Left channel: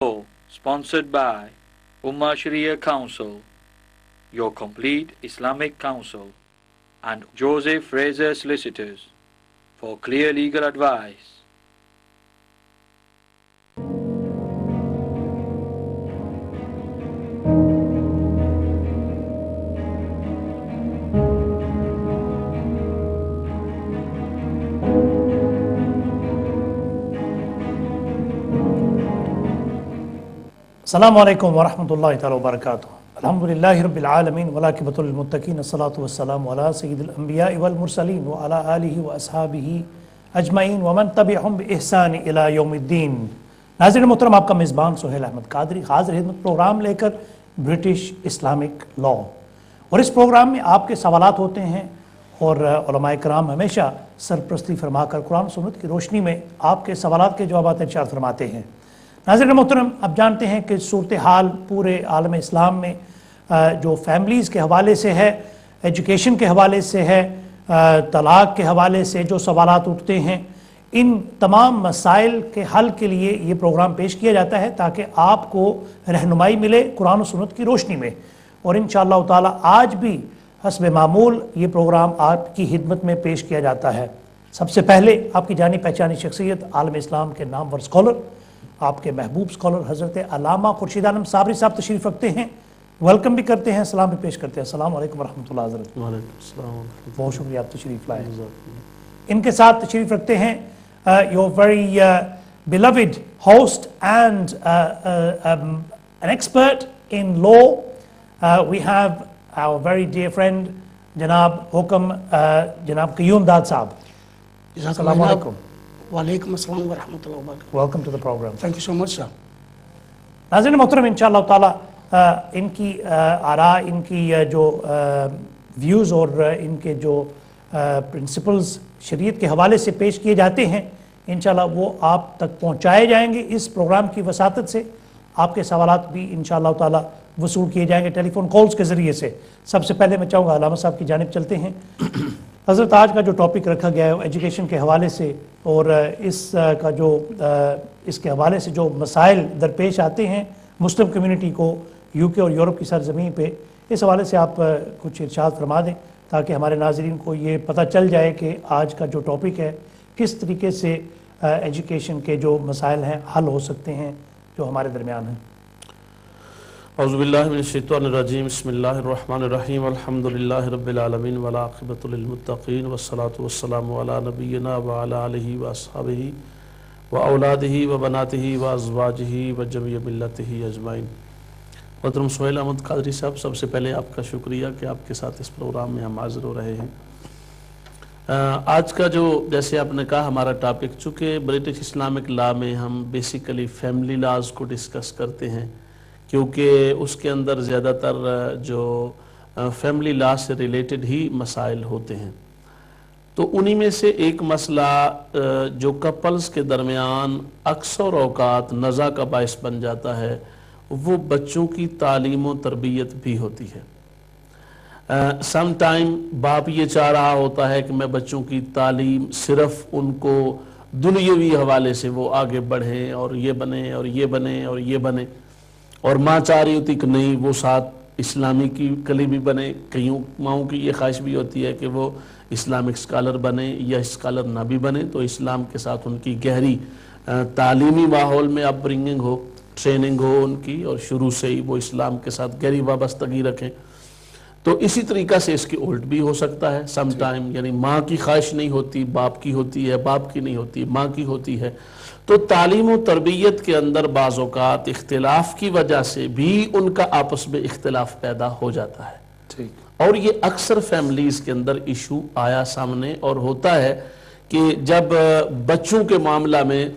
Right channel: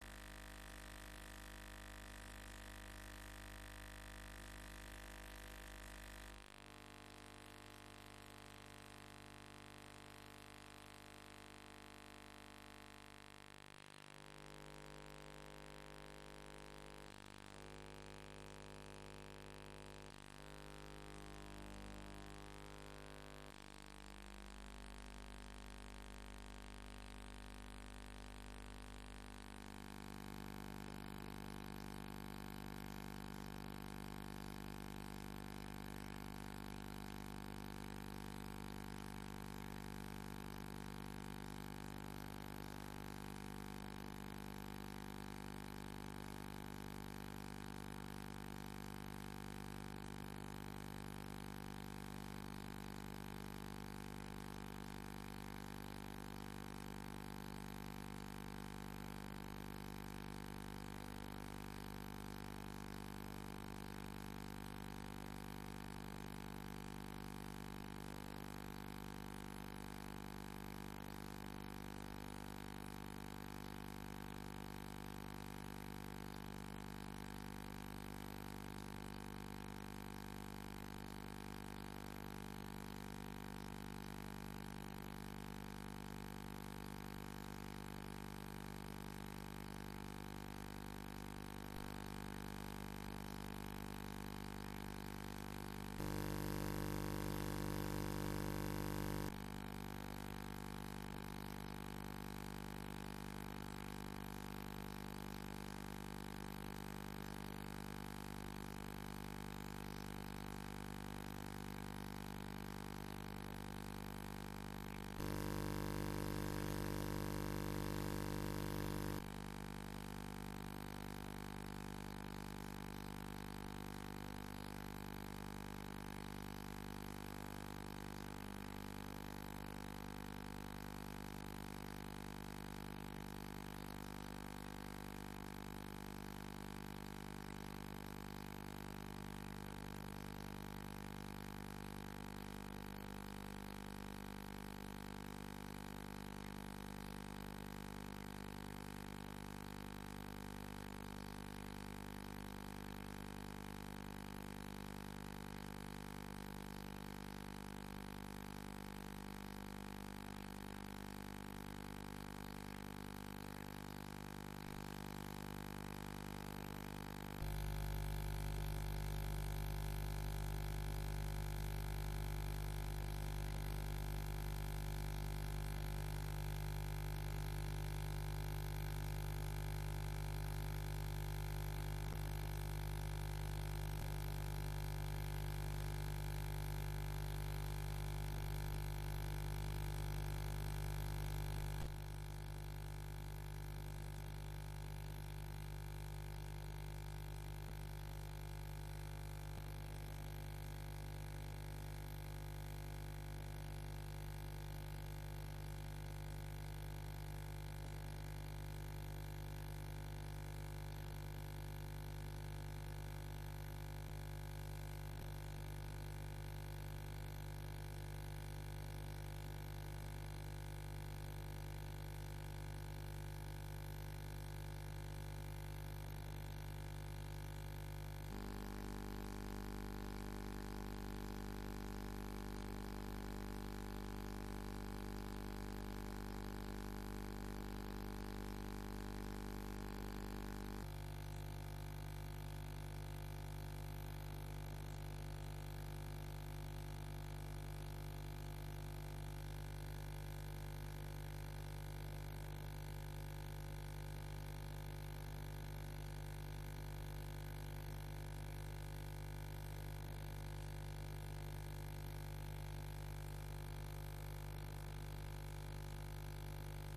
show sponsored by Ummah Sharia Council, your complete Islamic counsel, and Joseph Fraser Solicitors for clear legal advice. السلام علیکم ورحمۃ اللہ تعالی وبرکاتہ۔ الحمدللہ رب العالمین والعاقبۃ للمتقین، الصلاۃ والسلام علی سید الانبیاء والمرسلین وعلی آلہ واصحابہ اجمعین ومن تبعہم بإحسان الی یوم الدین۔ ناظرین محترم، آپ کا میزبان سہیل احمد قادری حاضر خدمت پروگرام لے کر برٹش اسلامک لاء، اور اس پروگرام میں آپ کے سوالات ہوتے ہیں اور علماء کرام ہمیشہ سرپرستی فرما کر قرآن سنت کی روشنی میں آپ کے سوالات کے جوابات ارشاد فرماتے ہیں۔ ناظرین محترم، اب جانتے ہیں کہ صورتحال پورے عالم اسلام میں جو فیملیز کے حوالے سے ہے، ایجوکیشن کے حوالے سے ہے، طلاق کے حوالے سے جو سوالات اٹھتے ہیں، ان تمام مسائل کے حل کے لیے یہ پروگرام پیش کیا جاتا ہے تاکہ آپ کو رہنمائی ملے قرآن و سنت کی روشنی میں۔ اور انشاءاللہ تعالی آج بھی حسب معمول یہ پروگرام آپ کی خدمت میں پیش کیا جاتا ہے۔ سب سے پہلے آپ کی جانی پہچانی شخصیت، عالم اسلام کے نامور اسکالر، آپ کے محبوب اسکالر حضرت علامہ خورشید عالم صابری صاحب تشریف رکھتے ہیں۔ ویلکم بھی کرتے ہیں، سلام بھی پیش کرتے ہیں۔ السلام علیکم ورحمۃ اللہ حضرت۔ بہت شکریہ، آپ تشریف لائے۔ ان کے ساتھ تشریف رکھتے ہیں your very beloved host and an expert in law. We have our very dear friend جناب حکم جناب قیوم داد صاحب۔ السلام علیکم۔ وعلیکم السلام ورحمۃ اللہ وبرکاتہ۔ Welcome to the program. Thank you so much sir. ناظرین محترم، انشاءاللہ تعالی ان کی آراء، ان کی جو ویوز اور ان کے جو پرنسپلز شریعت کے حوالے سے پیش کیے جاتے ہیں، انشاءاللہ وہ آپ تک پہنچائے جائیں گے اس پروگرام کی وساطت سے۔ آپ کے سوالات بھی انشاءاللہ تعالی وصول کیے جائیں گے ٹیلی فون کالز کے ذریعے سے۔ سب سے پہلے میں چاہوں گا علامہ صاحب کی جانب چلتے ہیں۔ حضرت آج کا جو ٹاپک رکھا گیا ہے ایجوکیشن کے حوالے سے، اور اس کا جو اس کے حوالے سے جو مسائل درپیش آتے ہیں مسلم کمیونٹی کو یو کے اور یورپ کی سرزمین پہ، اس حوالے سے آپ کچھ ارشاد فرما دیں تاکہ ہمارے ناظرین کو یہ پتہ چل جائے کہ آج کا جو ٹاپک ہے کس طریقے سے ایجوکیشن کے جو مسائل ہیں حل ہو سکتے ہیں جو ہمارے درمیان ہیں۔ اعوذ باللہ من الشیطان الرجیم، بسم اللہ الرحمن الرحیم، الحمدللہ رب العالمین والعاقبۃ للمتقین والصلاة والسلام علی نبینا وعلی آلہ واصحابہ واولادہ وبناتہ وازواجہ وجمیع ملتہ اجمعین۔ محترم سہیل احمد قادری صاحب، سب سے پہلے آپ کا شکریہ کہ آپ کے ساتھ اس پروگرام میں ہم حاضر ہو رہے ہیں۔ آج کا جو جیسے آپ نے کہا ہمارا ٹاپک، چونکہ برٹش اسلامک لا میں ہم بیسیکلی فیملی لاز کو ڈسکس کرتے ہیں، کیونکہ اس کے اندر زیادہ تر جو فیملی لا سے ریلیٹڈ ہی مسائل ہوتے ہیں۔ تو انہی میں سے ایک مسئلہ جو کپلز کے درمیان اکثر اوقات نزاع کا باعث بن جاتا ہے، وہ بچوں کی تعلیم و تربیت بھی ہوتی ہے۔ سم ٹائم باپ یہ چاہ رہا ہوتا ہے کہ میں بچوں کی تعلیم صرف ان کو دنیاوی حوالے سے وہ آگے بڑھیں اور یہ بنے اور یہ بنے اور یہ بنے، اور ماں چاہ رہی ہوتی کہ نہیں وہ ساتھ اسلامی کی کلی بھی بنے۔ کئیوں ماؤں کی یہ خواہش بھی ہوتی ہے کہ وہ اسلامک اسکالر بنے یا اسکالر نہ بھی بنے، تو اسلام کے ساتھ ان کی گہری تعلیمی ماحول میں اپ برنگنگ ہو، ٹریننگ ہو ان کی، اور شروع سے ہی وہ اسلام کے ساتھ گہری وابستگی رکھیں۔ تو اسی طریقہ سے اس کی الٹ بھی ہو سکتا ہے سم ٹائم، یعنی ماں کی خواہش نہیں ہوتی باپ کی ہوتی ہے، باپ کی نہیں ہوتی ماں کی ہوتی ہے۔ تو تعلیم و تربیت کے اندر بعض اوقات اختلاف کی وجہ سے بھی ان کا آپس میں اختلاف پیدا ہو جاتا ہے، اور یہ اکثر فیملیز کے اندر ایشو آیا سامنے اور ہوتا ہے کہ جب بچوں کے معاملہ میں،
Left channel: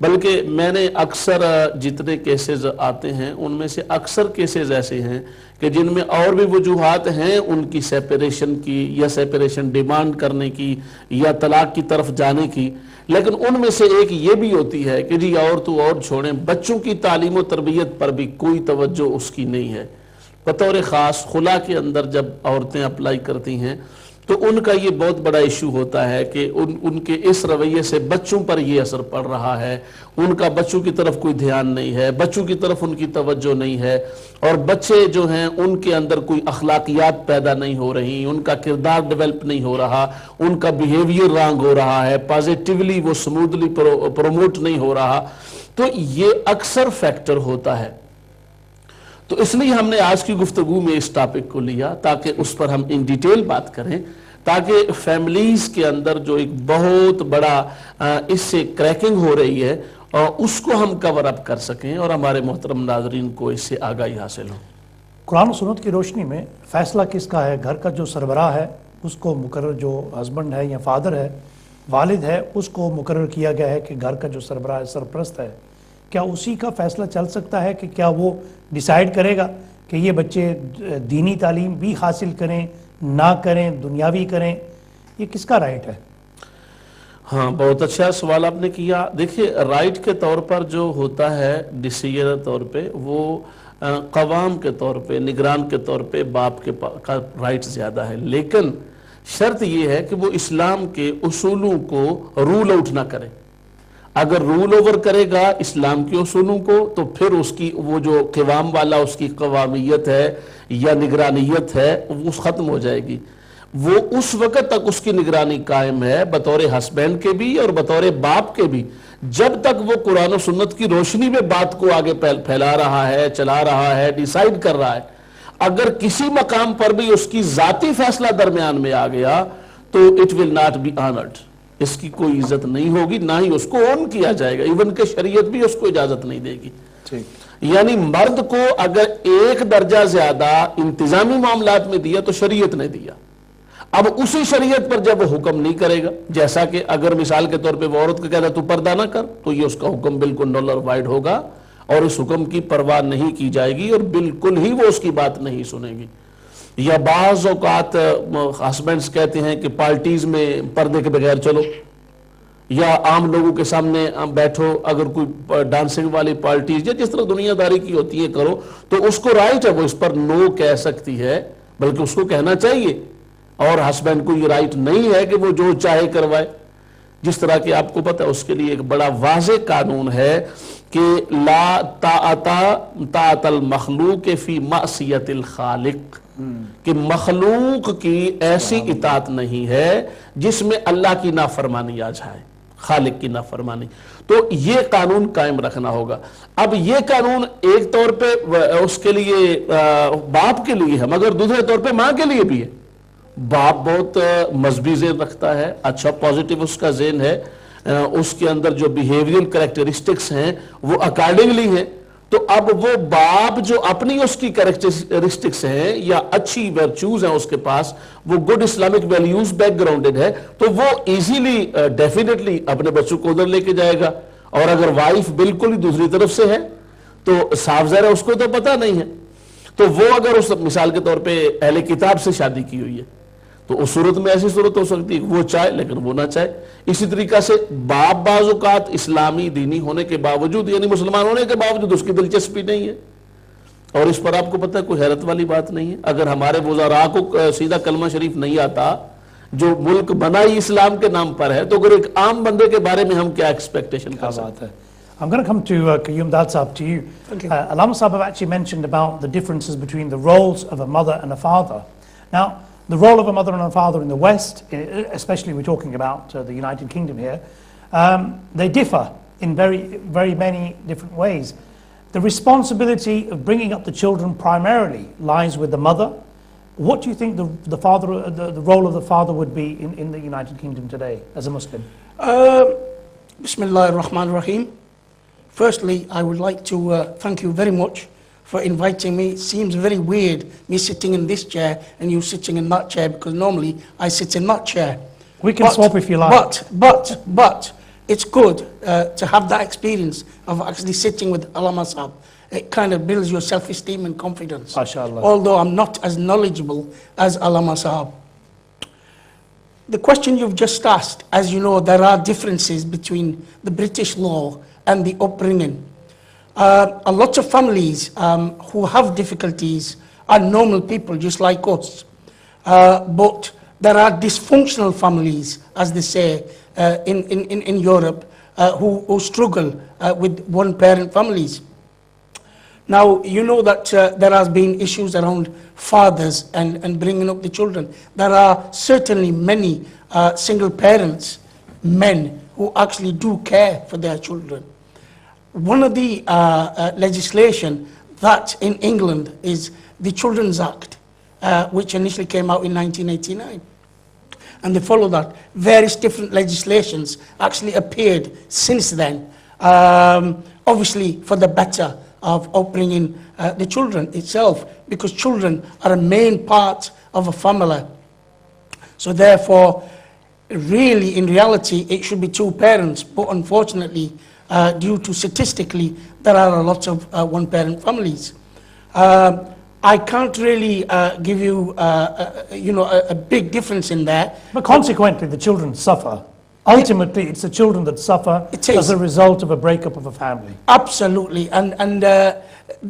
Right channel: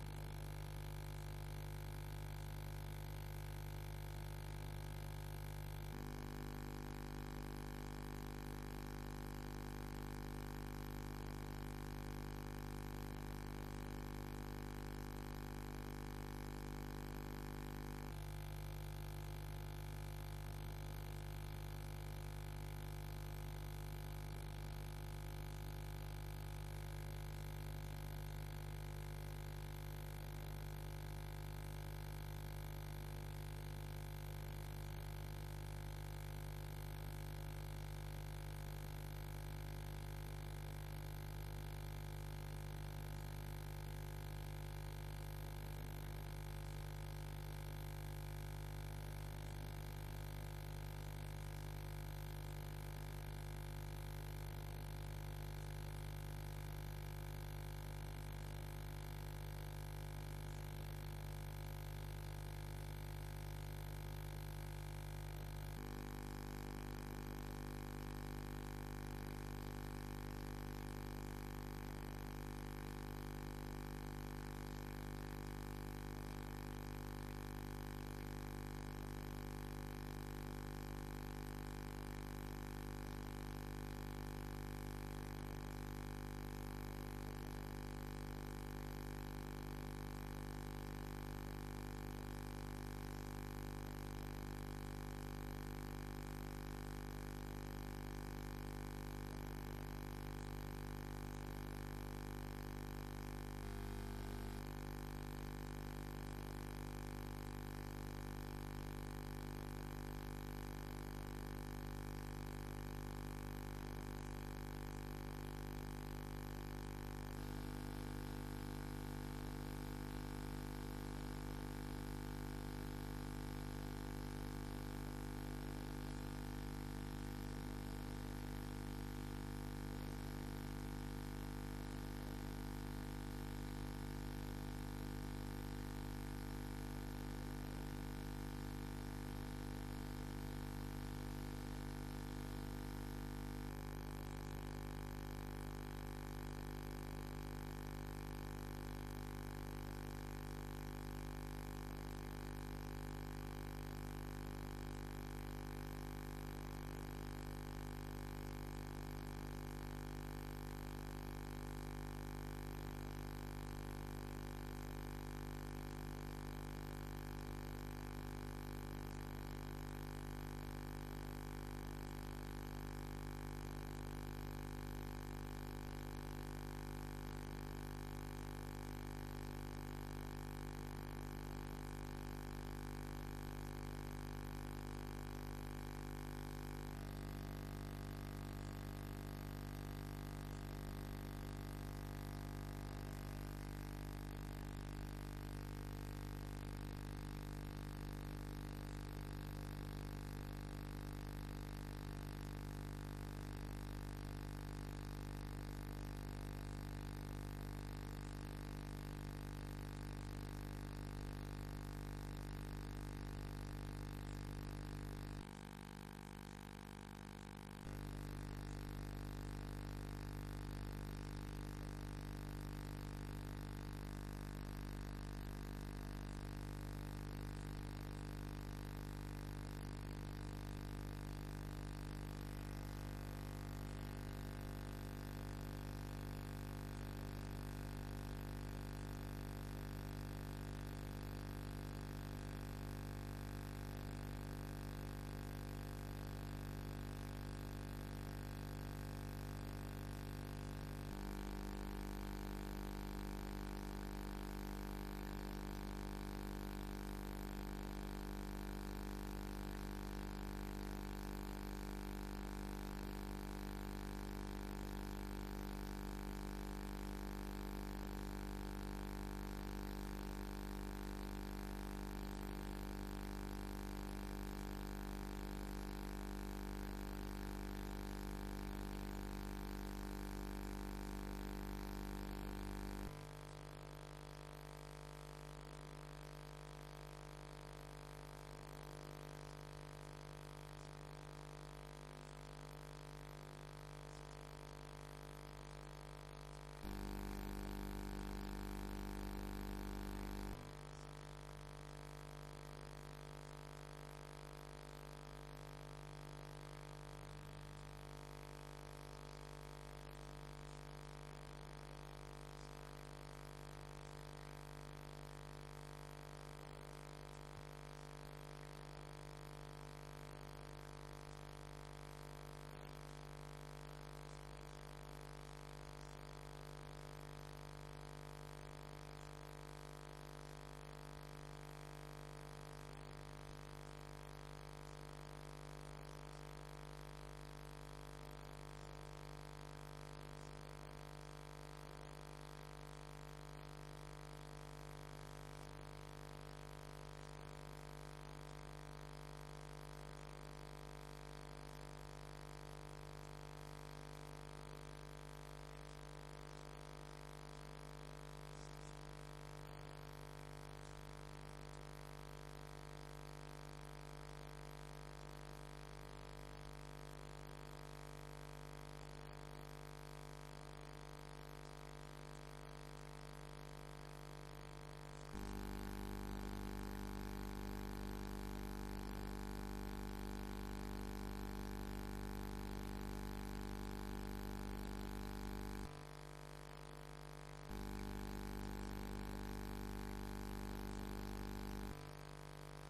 بلکہ میں نے اکثر جتنے کیسز آتے ہیں ان میں سے اکثر کیسز ایسے ہیں کہ جن میں اور بھی وجوہات ہیں ان کی سیپریشن کی یا سیپریشن ڈیمانڈ کرنے کی یا طلاق کی طرف جانے کی، لیکن ان میں سے ایک یہ بھی ہوتی ہے کہ جی اور تو اور چھوڑیں، بچوں کی تعلیم و تربیت پر بھی کوئی توجہ اس کی نہیں ہے۔ بطور خاص خلا کے اندر جب عورتیں اپلائی کرتی ہیں تو ان کا یہ بہت بڑا ایشو ہوتا ہے کہ ان کے اس رویے سے بچوں پر یہ اثر پڑ رہا ہے، ان کا بچوں کی طرف کوئی دھیان نہیں ہے، بچوں کی طرف ان کی توجہ نہیں ہے، اور بچے جو ہیں ان کے اندر کوئی اخلاقیات پیدا نہیں ہو رہی، ان کا کردار ڈیولپ نہیں ہو رہا، ان کا بیہیویئر رانگ ہو رہا ہے، پازیٹیولی وہ سموتھلی پروموٹ نہیں ہو رہا. تو یہ اکثر فیکٹر ہوتا ہے. تو اس لیے ہم نے آج کی گفتگو میں اس ٹاپک کو لیا تاکہ اس پر ہم ان ڈیٹیل بات کریں، تاکہ فیملیز کے اندر جو ایک بہت بڑا اس سے کریکنگ ہو رہی ہے اور اس کو ہم کور اپ کر سکیں اور ہمارے محترم ناظرین کو اس سے آگاہی حاصل ہو. قرآن و سنت کی روشنی میں فیصلہ کس کا ہے؟ گھر کا جو سربراہ ہے اس کو مقرر، جو ہسبینڈ ہے یا فادر ہے، والد ہے، اس کو مقرر کیا گیا ہے کہ گھر کا جو سربراہ ہے، سرپرست ہے، کیا اسی کا فیصلہ چل سکتا ہے کہ کیا وہ ڈیسائیڈ کرے گا کہ یہ بچے دینی تعلیم بھی حاصل کریں، نہ کریں، دنیاوی کریں؟ یہ کس کا رائٹ ہے؟ ہاں، بہت اچھا سوال آپ نے کیا. دیکھیے، رائٹ کے طور پر جو ہوتا ہے ڈیسیجن طور پہ، وہ قوام کے طور پہ، نگران کے طور پہ باپ کا رائٹ زیادہ ہے، لیکن شرط یہ ہے کہ وہ اسلام کے اصولوں کو رول آؤٹ نہ کرے. اگر رول اوور کرے گا اسلام کے اصولوں کو تو پھر اس کی وہ جو قوام والا اس کی قوامیت ہے یا نگرانیت ہے وہ ختم ہو جائے گی. وہ اس وقت تک اس کی نگرانی قائم ہے بطور ہسبینڈ کے بھی اور بطور باپ کے بھی، جب تک وہ قرآن و سنت کی روشنی میں بات کو آگے پھیلا رہا ہے، چلا رہا ہے، ڈیسائیڈ کر رہا ہے. اگر کسی مقام پر بھی اس کی ذاتی فیصلہ درمیان میں آ گیا تو it will not be honoured, اس کی کوئی عزت نہیں ہوگی، نہ ہی اس کو اون کیا جائے گا، ایون کہ شریعت بھی اس کو اجازت نہیں دے گی. یعنی مرد کو اگر ایک درجہ زیادہ انتظامی معاملات میں دیا تو شریعت نے دیا. اب اسی شریعت پر جب وہ حکم نہیں کرے گا، جیسا کہ اگر مثال کے طور پہ وہ عورت کو کہتا ہے تو پردہ نہ کر، تو یہ اس کا حکم بالکل نل اور وائڈ ہوگا اور اس حکم کی پرواہ نہیں کی جائے گی اور بالکل ہی وہ اس کی بات نہیں سنے گی. یا بعض اوقات ہسبینڈز کہتے ہیں کہ پارٹیز میں پردے کے بغیر چلو، یا عام لوگوں کے سامنے بیٹھو، اگر کوئی ڈانسنگ والی پارٹیز یا جس طرح دنیا داری کی ہوتی ہے کرو، تو اس کو رائٹ ہے، وہ اس پر نو کہہ سکتی ہے، بلکہ اس کو کہنا چاہیے. اور ہسبینڈ کو یہ رائٹ نہیں ہے کہ وہ جو چاہے کروائے. جس طرح کہ آپ کو پتہ ہے اس کے لیے ایک بڑا واضح قانون ہے کہ لا طاعت المخلوق فی معصیت الخالق، کہ مخلوق کی ایسی اطاعت نہیں ہے جس میں اللہ کی نافرمانی آ جائے، خالق کی نافرمانی. تو یہ قانون قائم رکھنا ہوگا. اب یہ قانون ایک طور پہ اس کے لیے باپ کے لیے ہے، مگر دوسرے طور پہ ماں کے لیے بھی ہے. باپ بہت مذہبی ذہن رکھتا ہے، اچھا پازیٹیو اس کا ذہن ہے، اس کے اندر جو بیہیویئر کریکٹرسٹکس ہیں وہ اکارڈنگلی ہیں. تو اب وہ باپ جو اپنی اس کی کریکٹرسٹکس ہیں یا اچھی ورچوز ہیں اس کے پاس، وہ گڈ اسلامک ویلیوز بیک گراؤنڈڈ ہے، تو وہ ایزیلی ڈیفینیٹلی اپنے بچوں کو ادھر لے کے جائے گا. اور اگر وائف بالکل ہی دوسری طرف سے ہے تو صاف ظاہر ہے اس کو تو پتہ نہیں ہے. تو وہ اگر اس مثال کے طور پہ اہل کتاب سے شادی کی ہوئی ہے تو اس صورت میں ایسی صورت ہو سکتی ہے وہ چاہے لیکن وہ نہ چاہے. اسی طریقہ سے باپ بعض اوقات اسلامی دینی ہونے کے باوجود، یعنی مسلمان ہونے کے باوجود اس کی دلچسپی نہیں ہے. اور اس پر آپ کو پتہ ہے کوئی حیرت والی بات نہیں ہے. اگر ہمارے وزراء کو سیدھا کلمہ شریف نہیں آتا، جو ملک بنا ہی اسلام کے نام پر ہے، تو اگر ایک عام بندے کے بارے میں ہم کیا ایکسپیکٹیشن کر سکتے ہیں؟ I'm going to come to Qayyum Dad Sahab, to you. Okay. Allama Sahab have actually mentioned about the differences between the roles of a mother and a father. Now, the role of a mother and a father in the West, especially we're talking about the United Kingdom here, they differ in very many different ways. The responsibility of bringing up the children primarily lies with the mother. What do you think the role of the father would be in the United Kingdom today as a Muslim? Bismillah ar-Rahman ar-Rahim. Firstly, I would like to thank you very much for inviting me. It seems very weird, me sitting in this chair and you sitting in that chair, because normally I sit in that chair. We can swap if you like. But it's good to have that experience of actually sitting with Allama Sahab. It kind of builds your self-esteem and confidence. MashaAllah. Although I'm not as knowledgeable as Allama Sahab. The question you've just asked, as you know, there are differences between the British law and the upbringing. A lot of families who have difficulties are normal people just like us. But there are dysfunctional families, as they say in Europe, who struggle with one-parent families. Now, you know that there has been issues around fathers and bringing up the children. There are certainly many single parents, men, who actually do care for their children. One of the legislation that in England is the Children's Act, which initially came out in 1989. And they follow that. Various different legislations actually appeared since then, obviously for the better of upbringing the children itself, because children are a main part of a family. So therefore, really, in reality, it should be two parents, but unfortunately, due to statistically, there are a lot of one-parent families. I can't really give you, a big difference in there. But consequently, the children suffer. Ultimately, it's the children that suffer as a result of a breakup of a family. Absolutely, and at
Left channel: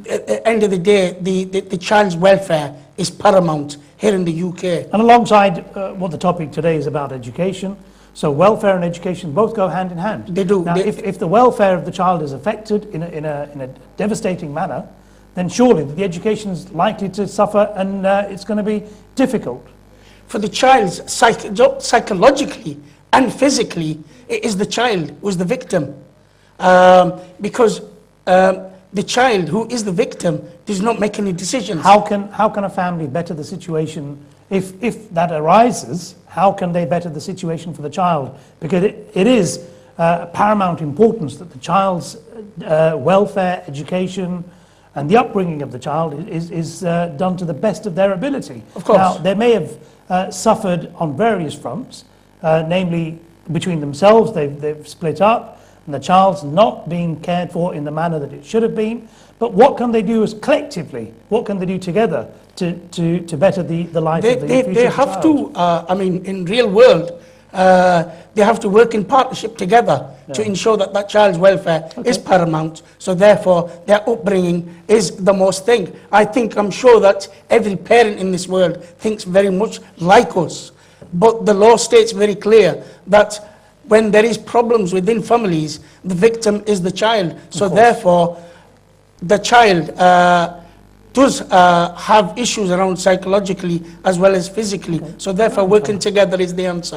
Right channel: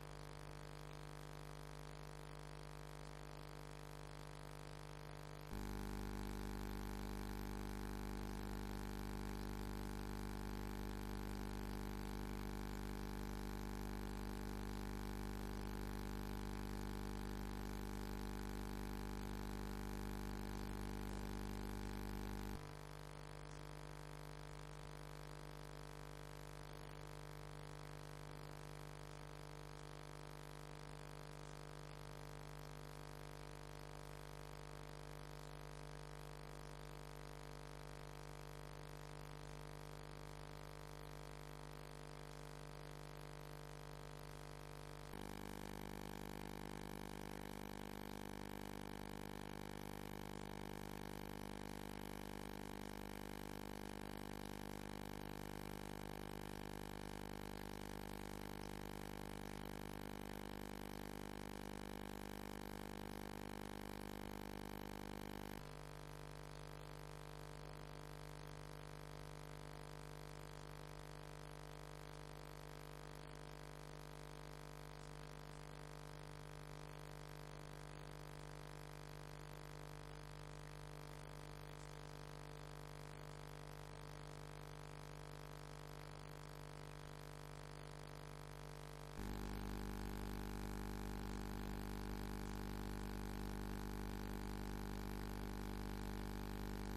the end of the day, the child's welfare is paramount here in the UK. And alongside what the topic today is about, education, so welfare and education both go hand in hand. They do. Now, if the welfare of the child is affected in a devastating manner, then surely the education is likely to suffer, and it's going to be difficult. For the child, psychologically and physically, it is the child who is the victim. Because the child who is the victim does not make any decisions. How can a family better the situation if that arises? How can they better the situation for the child? Because it is paramount importance that the child's welfare, education, and the upbringing of the child is done to the best of their ability. Of course. Now, they may have suffered on various fronts, namely between themselves, they've split up, and the child's not being cared for in the manner that it should have been. But what can they do as collectively? What can they do together to better the life of the future They have to, in real world, they have to work in partnership together to ensure that that child's welfare is paramount. So therefore, their upbringing is the most thing. I'm sure that every parent in this world thinks very much like us. But the law states very clear that when there is problems within families, the victim is the child. So therefore, the child does have issues around psychologically as well as physically. So therefore, working together is the answer.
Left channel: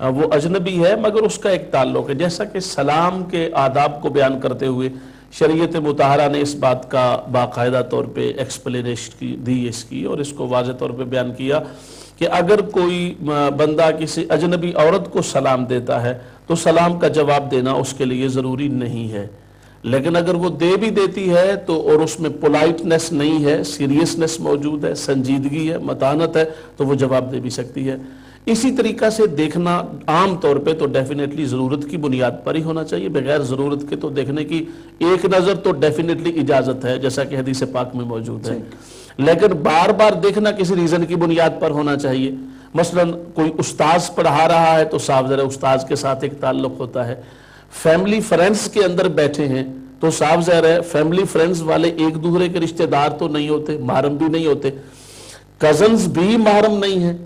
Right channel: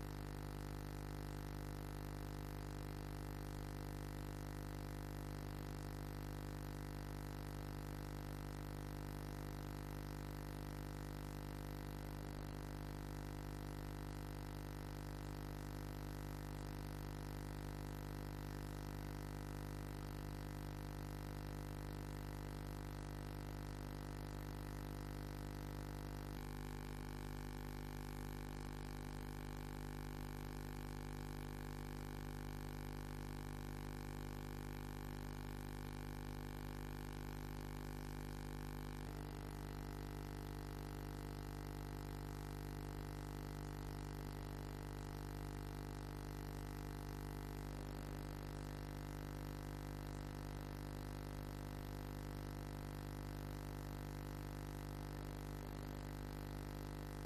وہ اجنبی ہے مگر اس کا ایک تعلق ہے. جیسا کہ سلام کے آداب کو بیان کرتے ہوئے شریعت مطہرہ نے اس بات کا باقاعدہ طور پہ ایکسپلینیشن دی اس کی، اور اس کو واضح طور پہ بیان کیا کہ اگر کوئی بندہ کسی اجنبی عورت کو سلام دیتا ہے تو سلام کا جواب دینا اس کے لیے ضروری نہیں ہے، لیکن اگر وہ دے بھی دیتی ہے تو اور اس میں پولائٹنس نہیں ہے، سیریسنس موجود ہے، سنجیدگی ہے، متانت ہے، تو وہ جواب دے بھی سکتی ہے. اسی طریقہ سے دیکھنا عام طور پہ تو ڈیفینیٹلی ضرورت کی بنیاد پر ہی ہونا چاہیے، بغیر ضرورت کے تو دیکھنے کی ایک نظر تو ڈیفینیٹلی اجازت ہے جیسا کہ حدیث پاک میں موجود ہے، لیکن بار بار دیکھنا کسی ریزن کی بنیاد پر ہونا چاہیے. مثلا کوئی استاذ پڑھا رہا ہے تو صاف ظاہر ہے استاذ کے ساتھ ایک تعلق ہوتا ہے. فیملی فرینڈز کے اندر بیٹھے ہیں تو صاف ظاہر ہے فیملی فرینڈز والے ایک دوسرے کے رشتہ دار تو نہیں ہوتے، محرم بھی نہیں ہوتے. کزنز بھی محرم نہیں ہیں،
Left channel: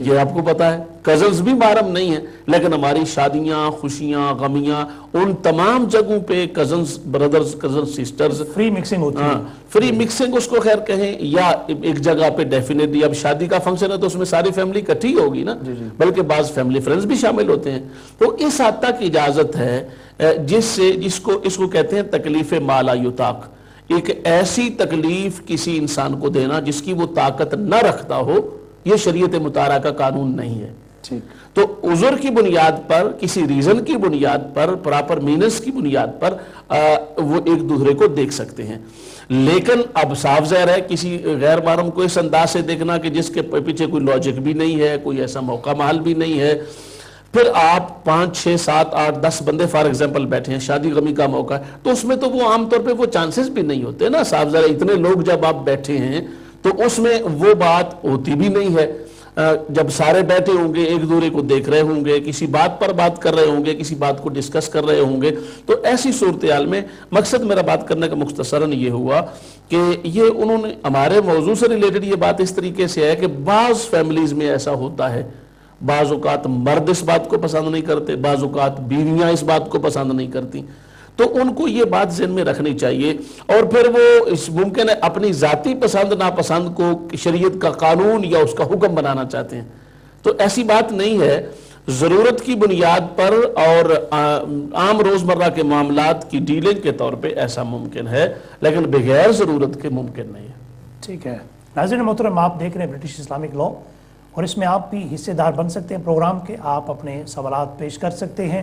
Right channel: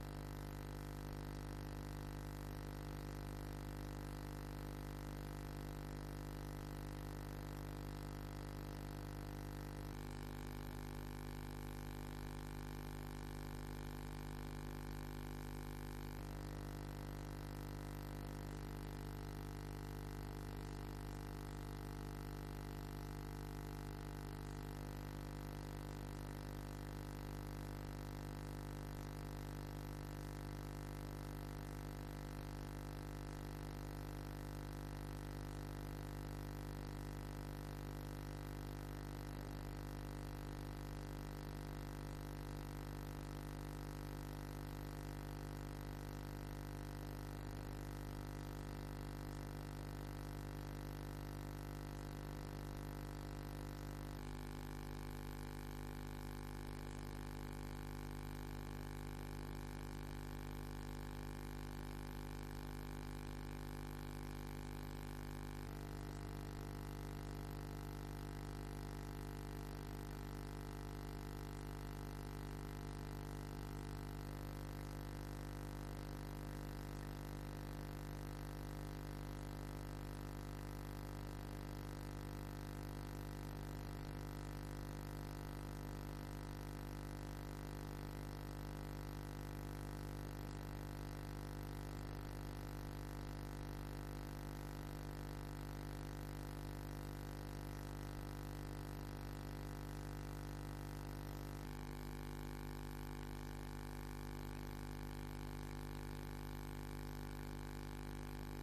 یہ آپ کو پتا ہے، کزنز بھی محرم نہیں ہیں، لیکن ہماری شادیاں، خوشیاں، غمیاں، ان تمام جگہوں پہ cousins brothers, cousin sisters, free mixing ہوتی ہے. فری مکسنگ اس کو خیر کہیں، یا ایک جگہ پہ ڈیفینیٹلی اب شادی کا فنکشن ہے تو اس میں ساری فیملی اکٹھی ہوگی نا، بلکہ بعض فیملی فرینڈز بھی شامل ہوتے ہیں. تو اس حد تک اجازت ہے اس کو کہتے ہیں تکلیف ما لا یطاق، ایک ایسی تکلیف کسی انسان کو دینا جس کی وہ طاقت نہ رکھتا ہو، یہ شریعت مطہرہ کا قانون نہیں ہے. تو عذر کی بنیاد پر، کسی ریزن کی بنیاد پر، پراپر مینس کی بنیاد پر وہ ایک دوسرے کو دیکھ سکتے ہیں. لیکن اب صاف ظاہر ہے کسی غیر محرم کو اس انداز سے دیکھنا کہ جس کے پیچھے کوئی لاجک بھی نہیں ہے، کوئی ایسا موقع محل بھی نہیں ہے. پھر آپ 5 6 7 8 10 بندے فار ایگزامپل بیٹھے ہیں، شادی غمی کا موقع ہے، تو اس میں تو وہ عام طور پہ وہ چانسز بھی نہیں ہوتے نا. صاف ظاہر ہے اتنے لوگ جب آپ بیٹھے ہیں تو اس میں وہ بات ہوتی بھی نہیں ہے. جب سارے بیٹھے ہوں گے، ایک دوسرے کو دیکھ رہے ہوں گے، کسی بات پر بات کر رہے ہوں گے، کسی بات کو ڈسکس کر رہے ہوں گے، تو ایسی صورتحال میں مقصد میرا بات کرنے کا مختصراً یہ ہوا کہ یہ انہوں نے ہمارے موضوع سے ریلیٹڈ یہ بات اس طریقے سے ہے کہ بعض فیملیز میں ایسا ہوتا ہے، بعض اوقات مرد اس بات کو پسند نہیں کرتے، بعض اوقات بیویاں اس بات کو پسند نہیں کرتی، تو ان کو یہ بات ذہن میں رکھنی چاہیے. اور پھر وہ ممکن ہے اپنی ذاتی پسند ناپسند کو شریعت کا قانون یا اس کا حکم بنانا چاہتے ہیں، تو ایسی بات نہیں ہے. ضرورت کی بنیاد پر اور عام روزمرہ کے معاملات کی ڈیلنگ کے طور پہ ایسا ممکن ہے، لیکن بغیر ضرورت کے ممکن نہیں ہے. ٹھیک ہے ناظرین محترم، آپ دیکھ رہے ہیں برٹش اسلامک لا، اور اس میں آپ بھی حصے دار بن سکتے ہیں پروگرام کے. آپ اپنے سوالات پیش کر سکتے ہیں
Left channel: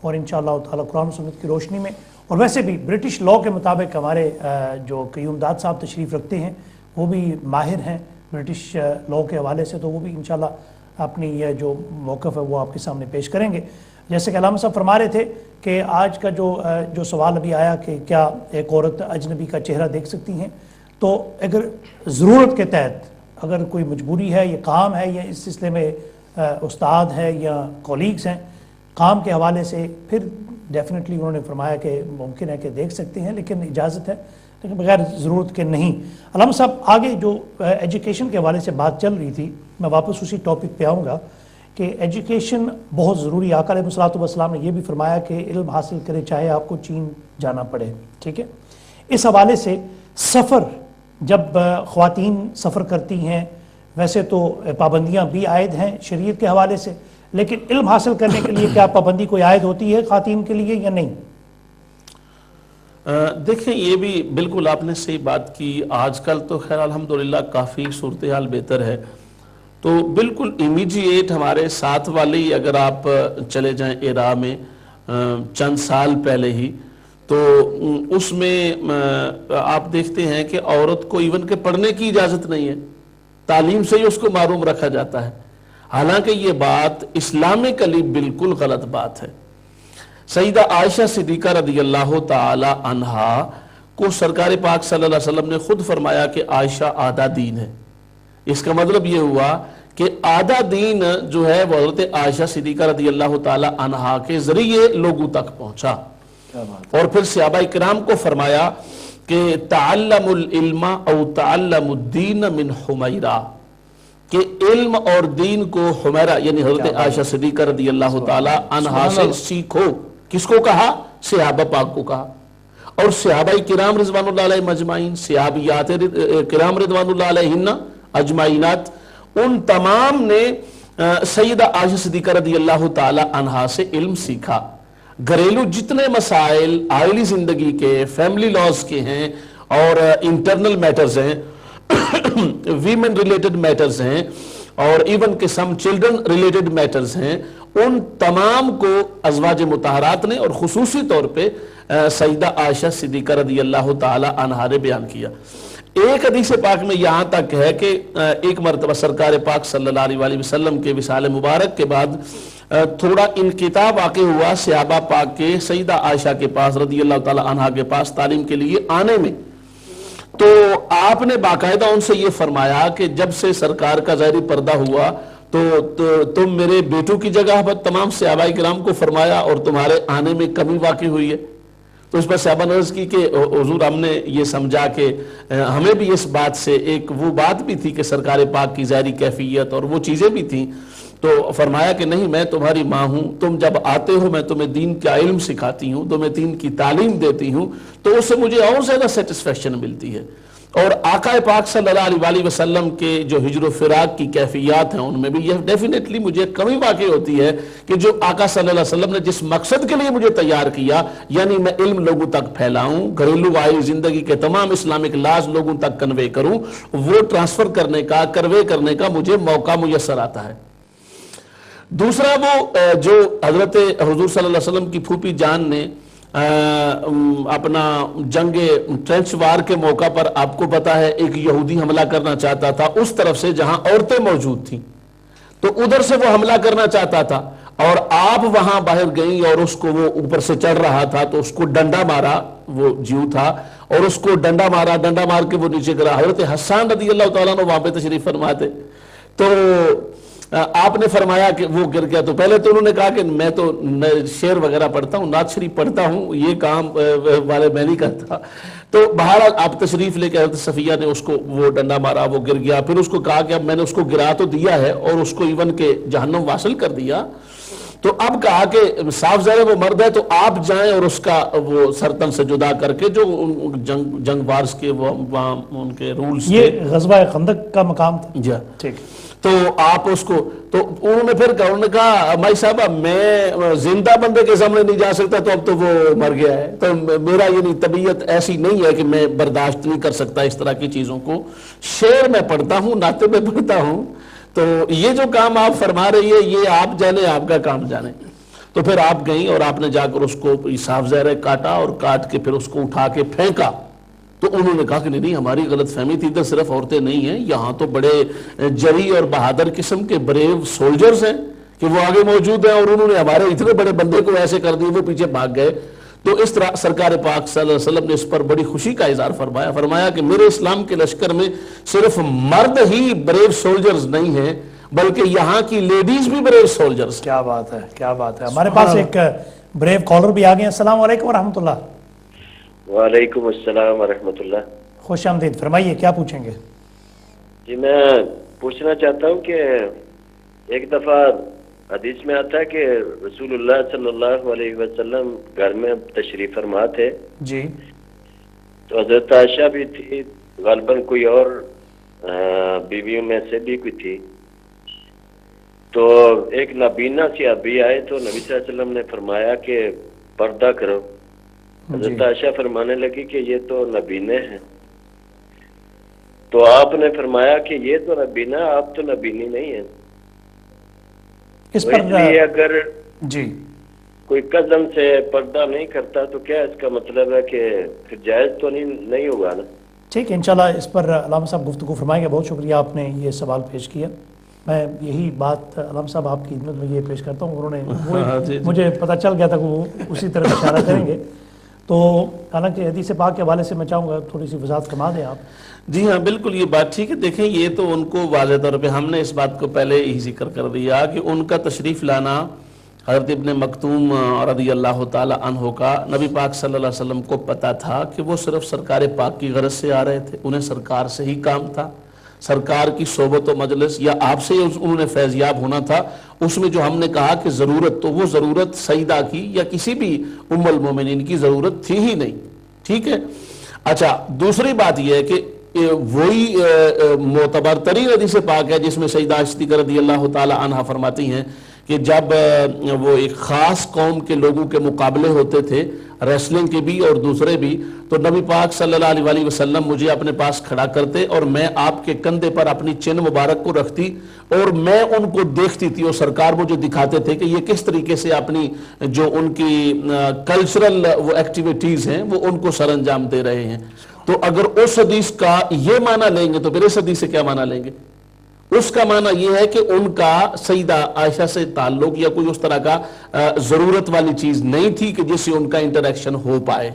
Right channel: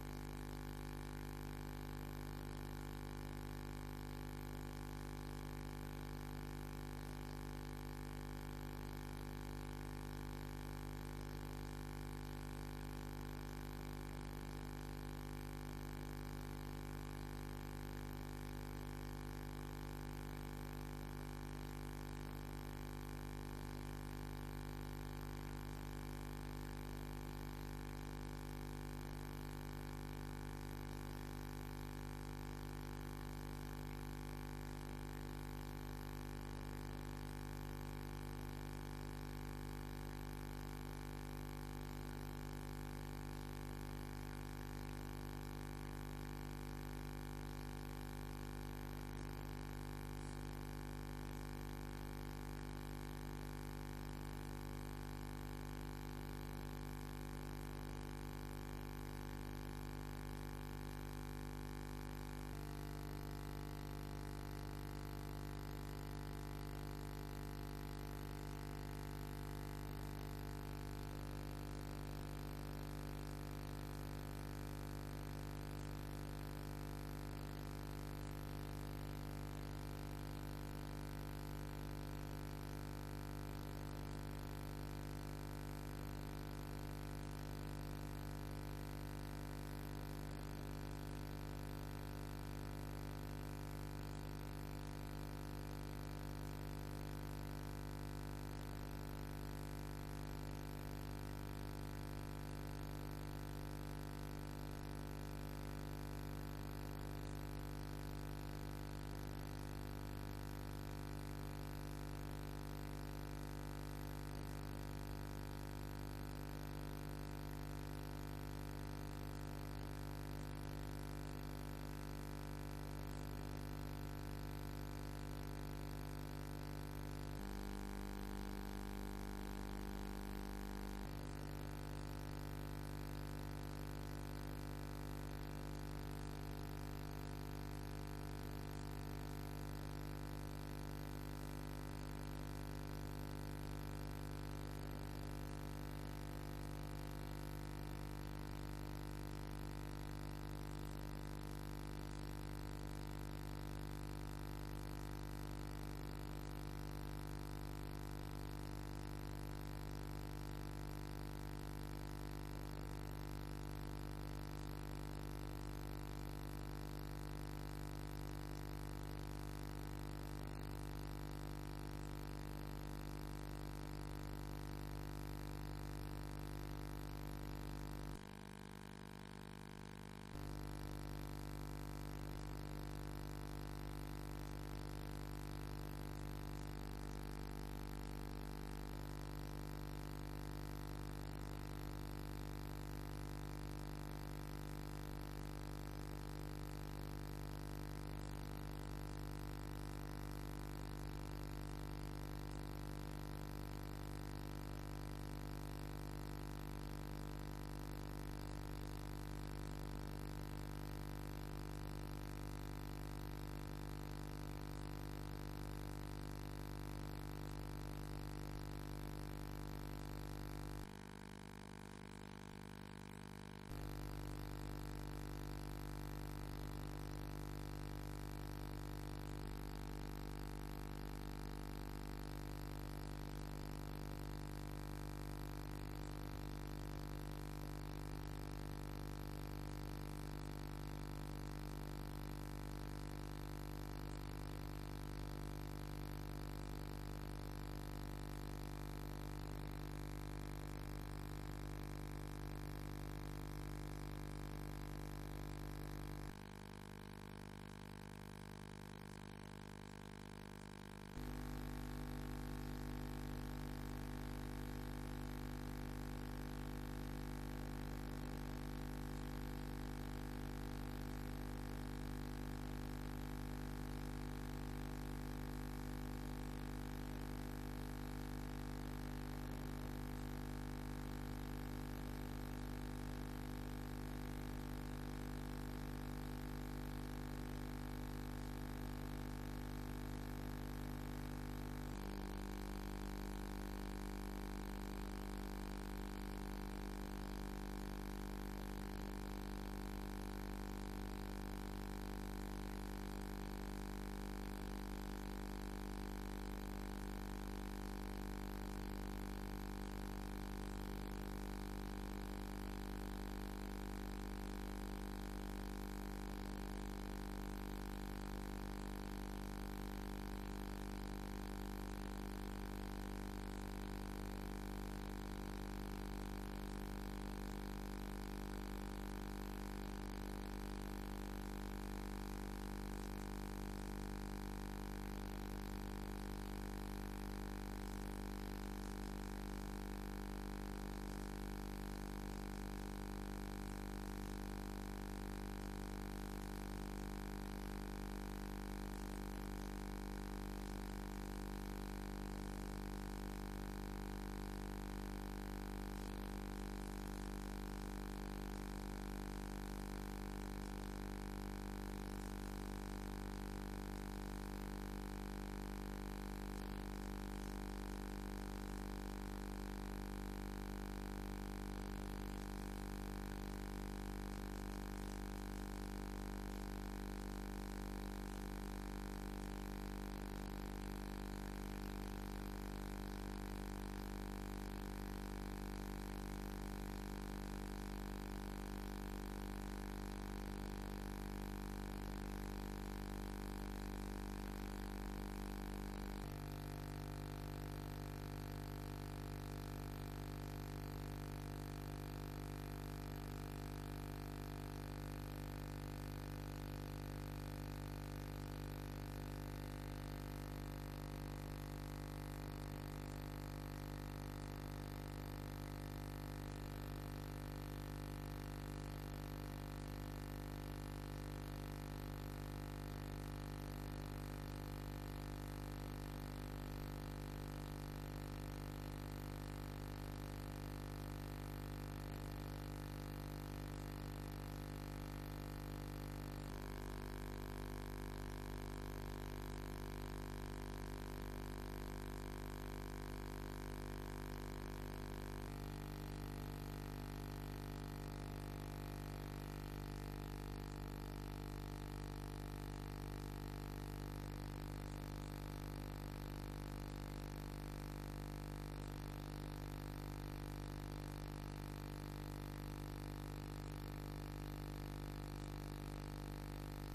اور انشاءاللہ تعالی قرآن و سنت کی روشنی میں، اور ویسے بھی برٹش لا کے مطابق ہمارے جو قیوم داد صاحب تشریف رکھتے ہیں وہ بھی ماہر ہیں برٹش لا کے حوالے سے، تو وہ بھی انشاءاللہ اپنی یہ جو موقف ہے وہ آپ کے سامنے پیش کریں گے. جیسے کہ علامہ صاحب فرما رہے تھے کہ آج کا جو سوال ابھی آیا کہ کیا ایک عورت اجنبی کا چہرہ دیکھ سکتی ہیں، تو اگر ضرورت کے تحت اگر کوئی مجبوری ہے، یہ کام ہے، یا اس سلسلے میں استاد ہے یا کولیگز ہیں کام کے حوالے سے، پھر ڈیفینیٹلی انہوں نے فرمایا کہ ممکن ہے کہ دیکھ سکتے ہیں، لیکن اجازت ہے، لیکن بغیر ضرورت کے نہیں. علامہ صاحب آگے جو ایجوکیشن کے حوالے سے بات چل رہی تھی، میں واپس اسی ٹاپک پہ آؤں گا کہ ایجوکیشن بہت ضروری. آقا علیہ الصلوۃ والسلام نے یہ بھی فرمایا کہ علم حاصل کرے چاہے آپ کو چین جانا پڑے. ٹھیک ہے، اس حوالے سے سفر، جب خواتین سفر کرتی ہیں، ویسے تو پابندیاں بھی عائد ہیں شریعت کے حوالے سے، لیکن علم حاصل کرنے کے لیے کیا پابندی کوئی عائد ہوتی ہے خواتین کے لیے یا نہیں؟ دیکھیں یہ بھی بالکل آپ نے صحیح بات کی. آج کل تو خیر الحمدللہ کافی صورتحال بہتر ہے، تو بالکل امیجیٹ ہمارے ساتھ والی اگر آپ چلے جائیں عراق میں چند سال پہلے ہی، تو اس میں آپ دیکھتے ہیں کہ عورت کو ایون کہ پڑھنے کی اجازت نہیں ہے، تعلیم سے ہی اس کو محروم رکھا جاتا ہے. حالانکہ یہ بات اسلامکلی بالکل غلط بات ہے. سیدہ عائشہ صدیقہ رضی اللہ تعالی عنہا کو سرکار پاک صلی اللہ علیہ وسلم نے خود فرمایا کہ عائشہ آدھا دین ہے. اس کا مطلب یہ ہوا کہ آدھا دین جو ہے وہ حضرت عائشہ صدیقہ رضی اللہ تعالی عنہا کے ذریعے لوگوں تک پہنچا. اور پھر صحابہ کرام کو فرمایا کہ تعلم العلم او تعلم الدین من حمیرہ، کہ علم اور دین کو حمیرہ یعنی حضرت عائشہ صدیقہ رضی اللہ تعالی عنہا سے سیکھو. کس کو کہا؟ صحابہ پاک کو کہا. اور صحابہ کرام رضوان اللہ علیہ مجمعین، صحابیات کرام رضوان اللہ علیہن اجمعینات، ان تمام نے سیدہ عائشہ صدیقہ رضی اللہ تعالی عنہا سے علم سیکھا. گھریلو جتنے مسائل آئلی زندگی کے، فیملی لاز کے ہیں اور انٹرنل میٹرز ہیں، ویمن ریلیٹڈ میٹرز ہیں اور ایون کہ سم چلڈرن ریلیٹڈ میٹرز ہیں، ان تمام کو ازواج مطہرات نے اور خصوصی طور پہ سیدہ عائشہ صدیقہ رضی اللہ تعالی عنہا نے بیان کیا. ایک حدیث پاک میں یہاں تک ہے کہ ایک مرتبہ سرکار پاک صلی اللہ علیہ وآلہ وسلم کے وصال مبارک کے بعد تھوڑا انقطاع واقع ہوا صحابہ پاک کے سیدہ عائشہ کے پاس رضی اللہ تعالی عنہا کے پاس تعلیم کے لیے آنے میں. تو آپ نے باقاعدہ ان سے یہ فرمایا کہ جب سے سرکار کا ظاہری پردہ ہوا تو تم میرے بیٹوں کی جگہ پر تمام صحابہ کرام کو فرمایا اور تمہارے آنے میں کمی واقع ہوئی ہے. تو اس پر صحابہ نے عرض کی کہ حضور ہم نے یہ سمجھا کہ ہمیں بھی اس بات سے ایک وہ بات بھی تھی کہ سرکار پاک کی ظاہری کیفیت اور وہ چیزیں بھی تھیں. تو فرمایا کہ نہیں، میں تمہاری ماں ہوں، تم جب آتے ہو میں تمہیں دین کا علم سکھاتی ہوں، تمہیں دین کی تعلیم دیتی ہوں، تو اس سے مجھے اور زیادہ سیٹسفیکشن ملتی ہے. اور آقا پاک صلی اللہ علیہ وآلہ وسلم کے جو ہجر و فراق کی کیفیات ہیں ان میں بھی یہ ڈیفینیٹلی مجھے کمی واقع ہوتی ہے کہ جو آقا صلی اللہ علیہ وسلم نے جس مقصد کے لیے مجھے تیار کیا، یعنی میں علم لوگوں تک پھیلاؤں، گھریلو آئی زندگی کے تمام اسلامک لاز لوگوں تک کنوے کروں، وہ ٹرانسفر کرنے کا، کنوے کرنے کا مجھے موقع میسر آتا ہے. دوسرا وہ جو حضرت حضور صلی اللہ علیہ وسلم کی پھوپھی جان نے اپنا جنگ ٹرینچ وار کے موقع پر آپ کو پتا ہے ایک یہودی حملہ کرنا چاہتا تھا اس طرف سے جہاں عورتیں موجود تھیں، تو ادھر سے وہ حملہ کرنا چاہتا تھا اور آپ وہاں باہر گئیں اور اس کو وہ اوپر سے چڑھ رہا تھا تو اس کو ڈنڈا مارا، وہ جیو تھا اور اس کو ڈنڈا مارا، ڈنڈا مار کے وہ نیچے گرا. حضرت حسان رضی اللہ تعالیٰ نے وہاں پہ تشریف فرما تھے. تو آپ نے فرمایا کہ وہ گر گیا. تو پہلے تو انہوں نے کہا کہ میں تو شعر وغیرہ پڑھتا ہوں، نعت شریف پڑھتا ہوں، یہ کام والے میں نہیں کرتا. تو بہرحال آپ تشریف لے کے حضرت صفیہ نے اس کو وہ ڈنڈا مارا، وہ گر گیا. پھر اس کو کہا کہ اب میں نے اس کو گرا تو دیا ہے اور اس کو ایون کے جہنم واصل کر دیا، تو اب کہا کہ صاف ظاہر وہ مرد ہے تو آپ جائیں اور اس کا وہ سرتن سے جدا کر کے جو جنگ بارز کے وہ ان کے رولز تھے. یہ غزوہ خندق کا مقام تھا. جی ٹھیک. تو آپ اس کو تو انہوں نے پھر کہا، انہوں نے کہا مائی صاحبہ میں زندہ بندے کے سامنے نہیں جا سکتا، تو اب تو وہ مر گیا ہے، تو میرا یعنی طبیعت ایسی نہیں ہے کہ میں برداشت نہیں کر سکتا اس طرح کی چیزوں کو. شعر میں پڑھتا ہوں، نعتیں میں پڑھتا ہوں. تو یہ جو کام آپ فرما رہی ہے یہ آپ جانے، آپ کا کام جانے. تو پھر آپ گئیں اور آپ نے جا کر اس کو صاف ظاہر کاٹا اور کاٹ کے پھر اس کو اٹھا کے پھینکا. تو انہوں نے کہا کہ نہیں ہماری غلط فہمی تھی، ادھر صرف عورتیں نہیں ہیں، یہاں تو بڑے جری اور بہادر قسم کے بریو سولجرز ہیں کہ وہ آگے موجود ہیں اور انہوں نے ہمارے اتنے بڑے بندے کو ایسے کر دی، وہ پیچھے بھاگ گئے. تو اس طرح سرکار پاک صلی اللہ علیہ وسلم نے اس پر بڑی خوشی کا اظہار فرمایا کہ میرے اسلام کے لشکر میں صرف مرد ہی بریو سولجرز نہیں ہیں بلکہ یہاں کی لیڈیز بھی بریو سولجرز. کیا بات ہے، کیا بات ہے. ہمارے پاس ایک بریو کالر بھی آ گئے ہیں. السلام علیکم ورحمۃ اللہ. وعلیکم السلام ورحمۃ اللہ. خوش آمدید. فرمائیے کیا پوچھیں گے؟ جی میں پوچھنا چاہتا ہوں کہ ایک دفعہ حدیث میں آتا ہے کہ رسول اللہ صلی اللہ علیہ وسلم گھر میں تشریف فرما تھے جی، تو حضرت عائشہ بھی تھی، غالباً کوئی اور بیویوں میں سے بھی کوئی تھی. تو ایک نابینا سی ابھی آئے تو نبی صلی اللہ علیہ وسلم نے فرمایا کہ پردہ کرو. حضرت عائشہ فرمانے لگی کہ یہ تو نبینے ہیں. تو آپ نے فرمایا کہ یہ تو نبینا، آپ تو نبینی نہیں ہیں. اس تو پر اس لیے اگر جی کوئی قدم سے پردہ نہیں کرتا تو کیا اس کا مطلب ہے کہ پھر جائز تو نہیں ہوگا نا؟ ٹھیک ہے، انشاءاللہ اس پر علامہ صاحب گفتگو فرمائیں گے. بہت شکریہ آپ نے یہ سوال پیش کیا. میں یہی بات علامہ صاحب آپ کی خدمت میں یہ پیش کرتا ہوں. انہوں نے مجھے پتہ چل گیا تھا کہ وہ اسی طرح اشارہ کریں گے. تو حالانکہ حدیث پاک کے حوالے سے میں چاہوں گا تھوڑی سی وضاحت فرما دیں آپ. جی ہاں بالکل یہ بات ٹھیک ہے. دیکھیں یہ تو ان کو واضح طور پہ ہم نے اس بات کو پہلے ہی ذکر کر دیا کہ ان کا تشریف لانا حضرت ابن مکتوم رضی اللہ تعالی عنہ کا نبی پاک صلی اللہ علیہ وسلم کو پتا تھا کہ وہ صرف سرکار پاک کی غرض سے آ رہے تھے. انہیں سرکار سے ہی کام تھا، سرکار کی صحبت و مجلس یا آپ سے انہوں نے فیضیاب ہونا تھا. اس میں جو ہم نے کہا کہ ضرورت، تو وہ ضرورت سیدہ کی یا کسی بھی ام المومنین کی ضرورت تھی ہی نہیں. ٹھیک ہے. اچھا دوسری بات یہ ہے کہ وہی معتبر ترین حدیث پاک ہے جس میں سیدہ عائشہ صدیقہ رضی اللہ تعالی عنہ فرماتی ہیں کہ جب وہ ایک خاص قوم کے لوگوں کے مقابلے ہوتے تھے ریسلنگ کے بھی اور دوسرے بھی، تو نبی پاک صلی اللہ علیہ وسلم مجھے اپنے پاس کھڑا کرتے اور میں آپ کے کندھے پر اپنی چن مبارک کو رکھتی اور میں ان کو دیکھتی تھی، اور سرکار مجھے دکھاتے تھے کہ یہ کس طریقے سے اپنی جو ان کی کلچرل وہ ایکٹیویٹیز ہیں وہ ان کو سر انجام دے رہے ہیں۔ تو اگر اس حدیث کا یہ معنی لیں گے تو پھر اس حدیث سے کیا معنی لیں گے؟ اس کا معنی یہ ہے کہ ان کا سیدہ عائشہ سے تعلق یا کوئی اس طرح کا ضرورت والی چیز نہیں تھی کہ جس سے ان کا انٹریکشن ہو پائے،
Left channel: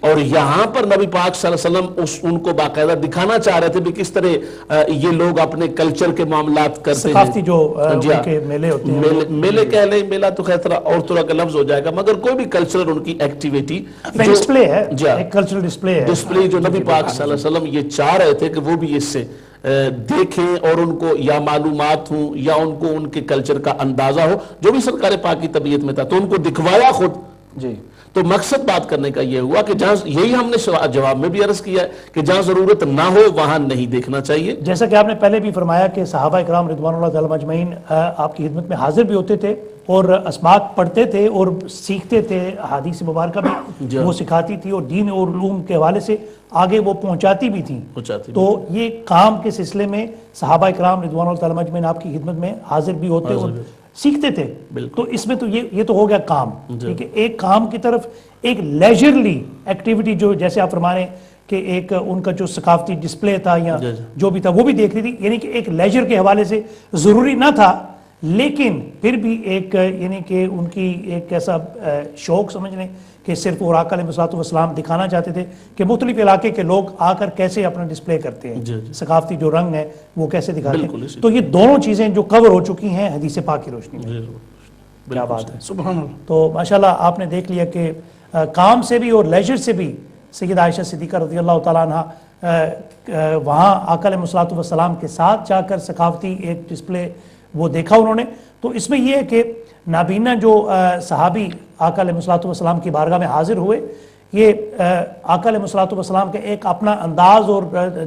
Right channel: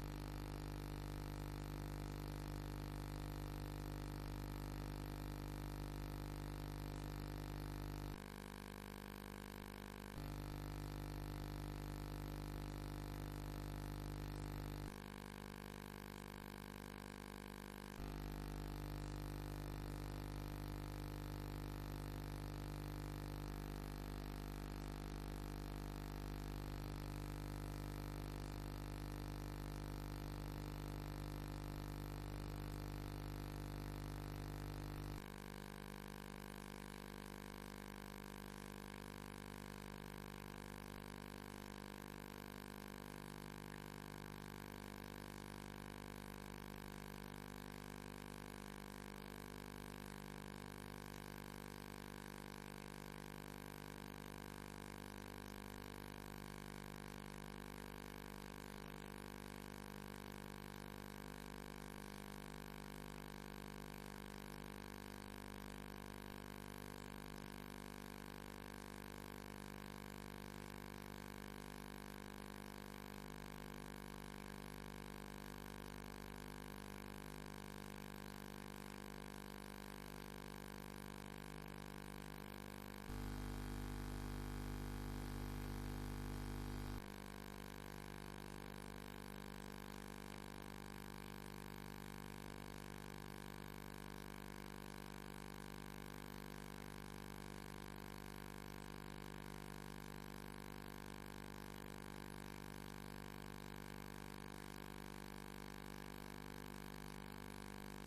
اور یہاں پر نبی پاک صلی اللہ علیہ وسلم ان کو باقاعدہ دکھانا چاہ رہے تھے بھی کس طرح یہ لوگ اپنے کلچر کے معاملات کرتے ہیں، ثقافتی جو میلے ہوتے ہیں، میلے کہہ لیں، میلہ تو خیر اور طرح کا لفظ ہو جائے گا، مگر کوئی بھی کلچرل ان کی ایکٹیویٹی ڈسپلے ہے، ایک کلچرل ڈسپلے ہے، ڈسپلے جو نبی پاک صلی اللہ علیہ وسلم یہ چاہ رہے تھے کہ وہ بھی اس سے دیکھیں اور ان کو یا معلومات ہوں یا ان کو ان کے کلچر کا اندازہ ہو جو بھی سرکار پاک کی طبیعت میں تھا، تو ان کو دکھوایا خود۔ جی تو مقصد بات کرنے کا یہ ہوا کہ جہاں یہی ہم نے جواب میں بھی عرض کیا ہے کہ جہاں ضرورت نہ ہو وہاں نہیں دیکھنا چاہیے۔ جیسا کہ آپ نے پہلے بھی فرمایا کہ صحابہ کرام رضوان اللہ تعالی اجمعین آپ کی خدمت میں حاضر بھی ہوتے تھے اور اسماک پڑھتے تھے اور سیکھتے تھے، احادیث مبارکہ بھی وہ سکھاتی تھی اور دین اور علوم کے حوالے سے آگے وہ پہنچاتی بھی تھی۔ تو یہ کام کے سلسلے میں صحابہ کرام رضوان اللہ تعالی اجمعین آپ کی خدمت میں حاضر بھی ہوتے اور سیکھتے تھے، تو اس میں تو یہ تو ہو گیا کام، ٹھیک ہے۔ ایک کام کی طرف ایک لیجرلی ایکٹیویٹی جو جیسے آپ فرما رہے ہیں کہ ایک ان کا جو ثقافتی ڈسپلے تھا یا جو بھی تھا وہ بھی دیکھ رہی تھی، یعنی کہ ایک لیجر کے حوالے سے ضروری نہ تھا، لیکن پھر بھی ایک یعنی کہ ان کی ایک ایسا شوق سمجھ لیں کہ صرف وہ آقا علیہ الصلوۃ والسلام دکھانا چاہتے تھے کہ مختلف علاقے کے لوگ آ کر کیسے اپنا ڈسپلے کرتے ہیں، ثقافتی جو رنگ ہے وہ کیسے دکھاتے ہیں۔ تو یہ دونوں چیزیں جو کور ہو چکی ہیں حدیث پاک کی روشنی میں، کیا بات ہے، سبحان اللہ۔ تو ماشاءاللہ آپ نے دیکھ لیا کہ کام سے بھی اور لیجر سے بھی سیدہ عائشہ صدیقہ رضی اللہ تعالیٰ عنہ وہاں آقا علیہ الصلوۃ والسلام کے ساتھ جا کر ثقافتی ایک ڈسپلے وہ دیکھا انہوں نے۔ تو اس میں یہ ہے کہ نابینا جو صحابی آقا علیہ الصلوۃ والسلام کی بارگاہ میں حاضر ہوئے، یہ آقا علیہ الصلوۃ والسلام کا ایک اپنا انداز اور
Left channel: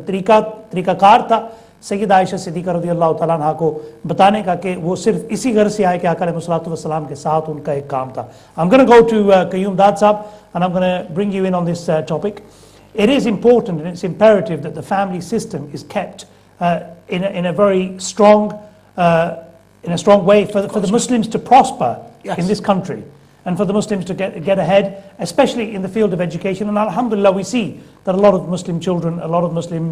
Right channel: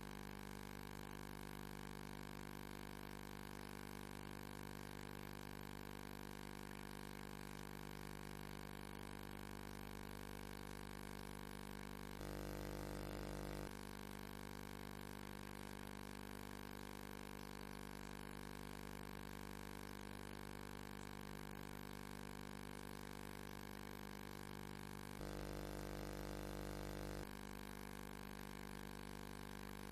طریقہ کار تھا سیدہ عائشہ صدیقہ رضی اللہ تعالیٰ عنہ کو بتانے کا کہ وہ صرف اسی غرض سے آئے کہ آقا علیہ الصلوۃ والسلام کے ساتھ ان کا ایک کام تھا۔ I'm going to go to Qayyum Dad Sahab and I'm going to bring you in on this topic. It is important and it's imperative that the family system is kept in a very strong in a strong way for the Muslims to prosper in this country and for the Muslims to get ahead, especially in the field of education. And alhamdulillah, we see that a lot of Muslim children, a lot of Muslim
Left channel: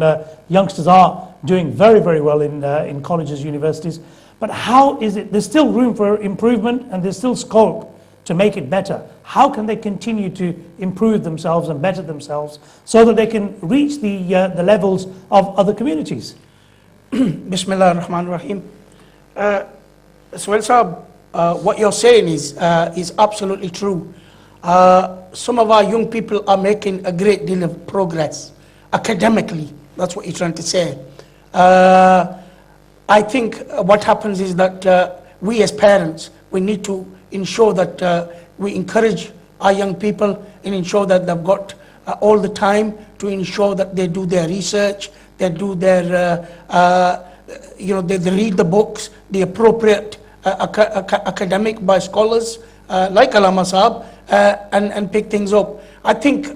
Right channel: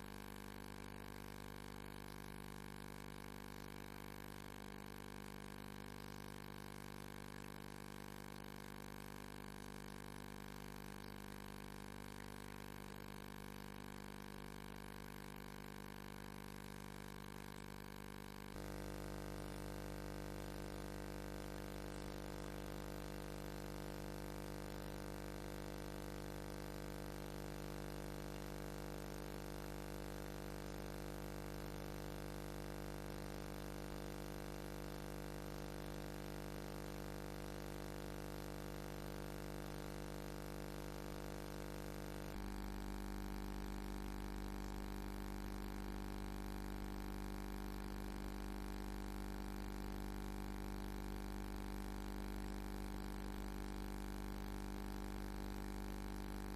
youngsters are doing very, very well in colleges, universities. But how is it, there's still room for improvement and there's still scope to make it better. How can they continue to improve themselves and better themselves so that they can reach the levels of other communities? Bismillah ar-Rahman ar-Rahim. Suhail Sahab, what you're saying is absolutely true. Some of our young people are making a great deal of progress academically. That's what you're trying to say. I think what happens is that we as parents, we need to ensure that we encourage our young people and ensure that they've got all the time to ensure that they do their research, they do their, they read the books, the appropriate academic by scholars like Allama Sahab, and pick things up. I think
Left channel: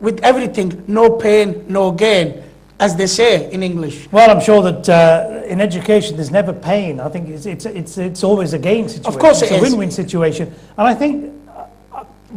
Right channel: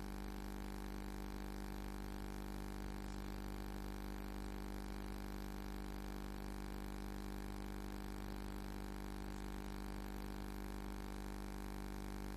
with everything, no pain, no gain, as they say in English. Well, I'm sure that in education there's never pain. I think it's always a gain situation. Of course it is. It's a win-win situation. And I think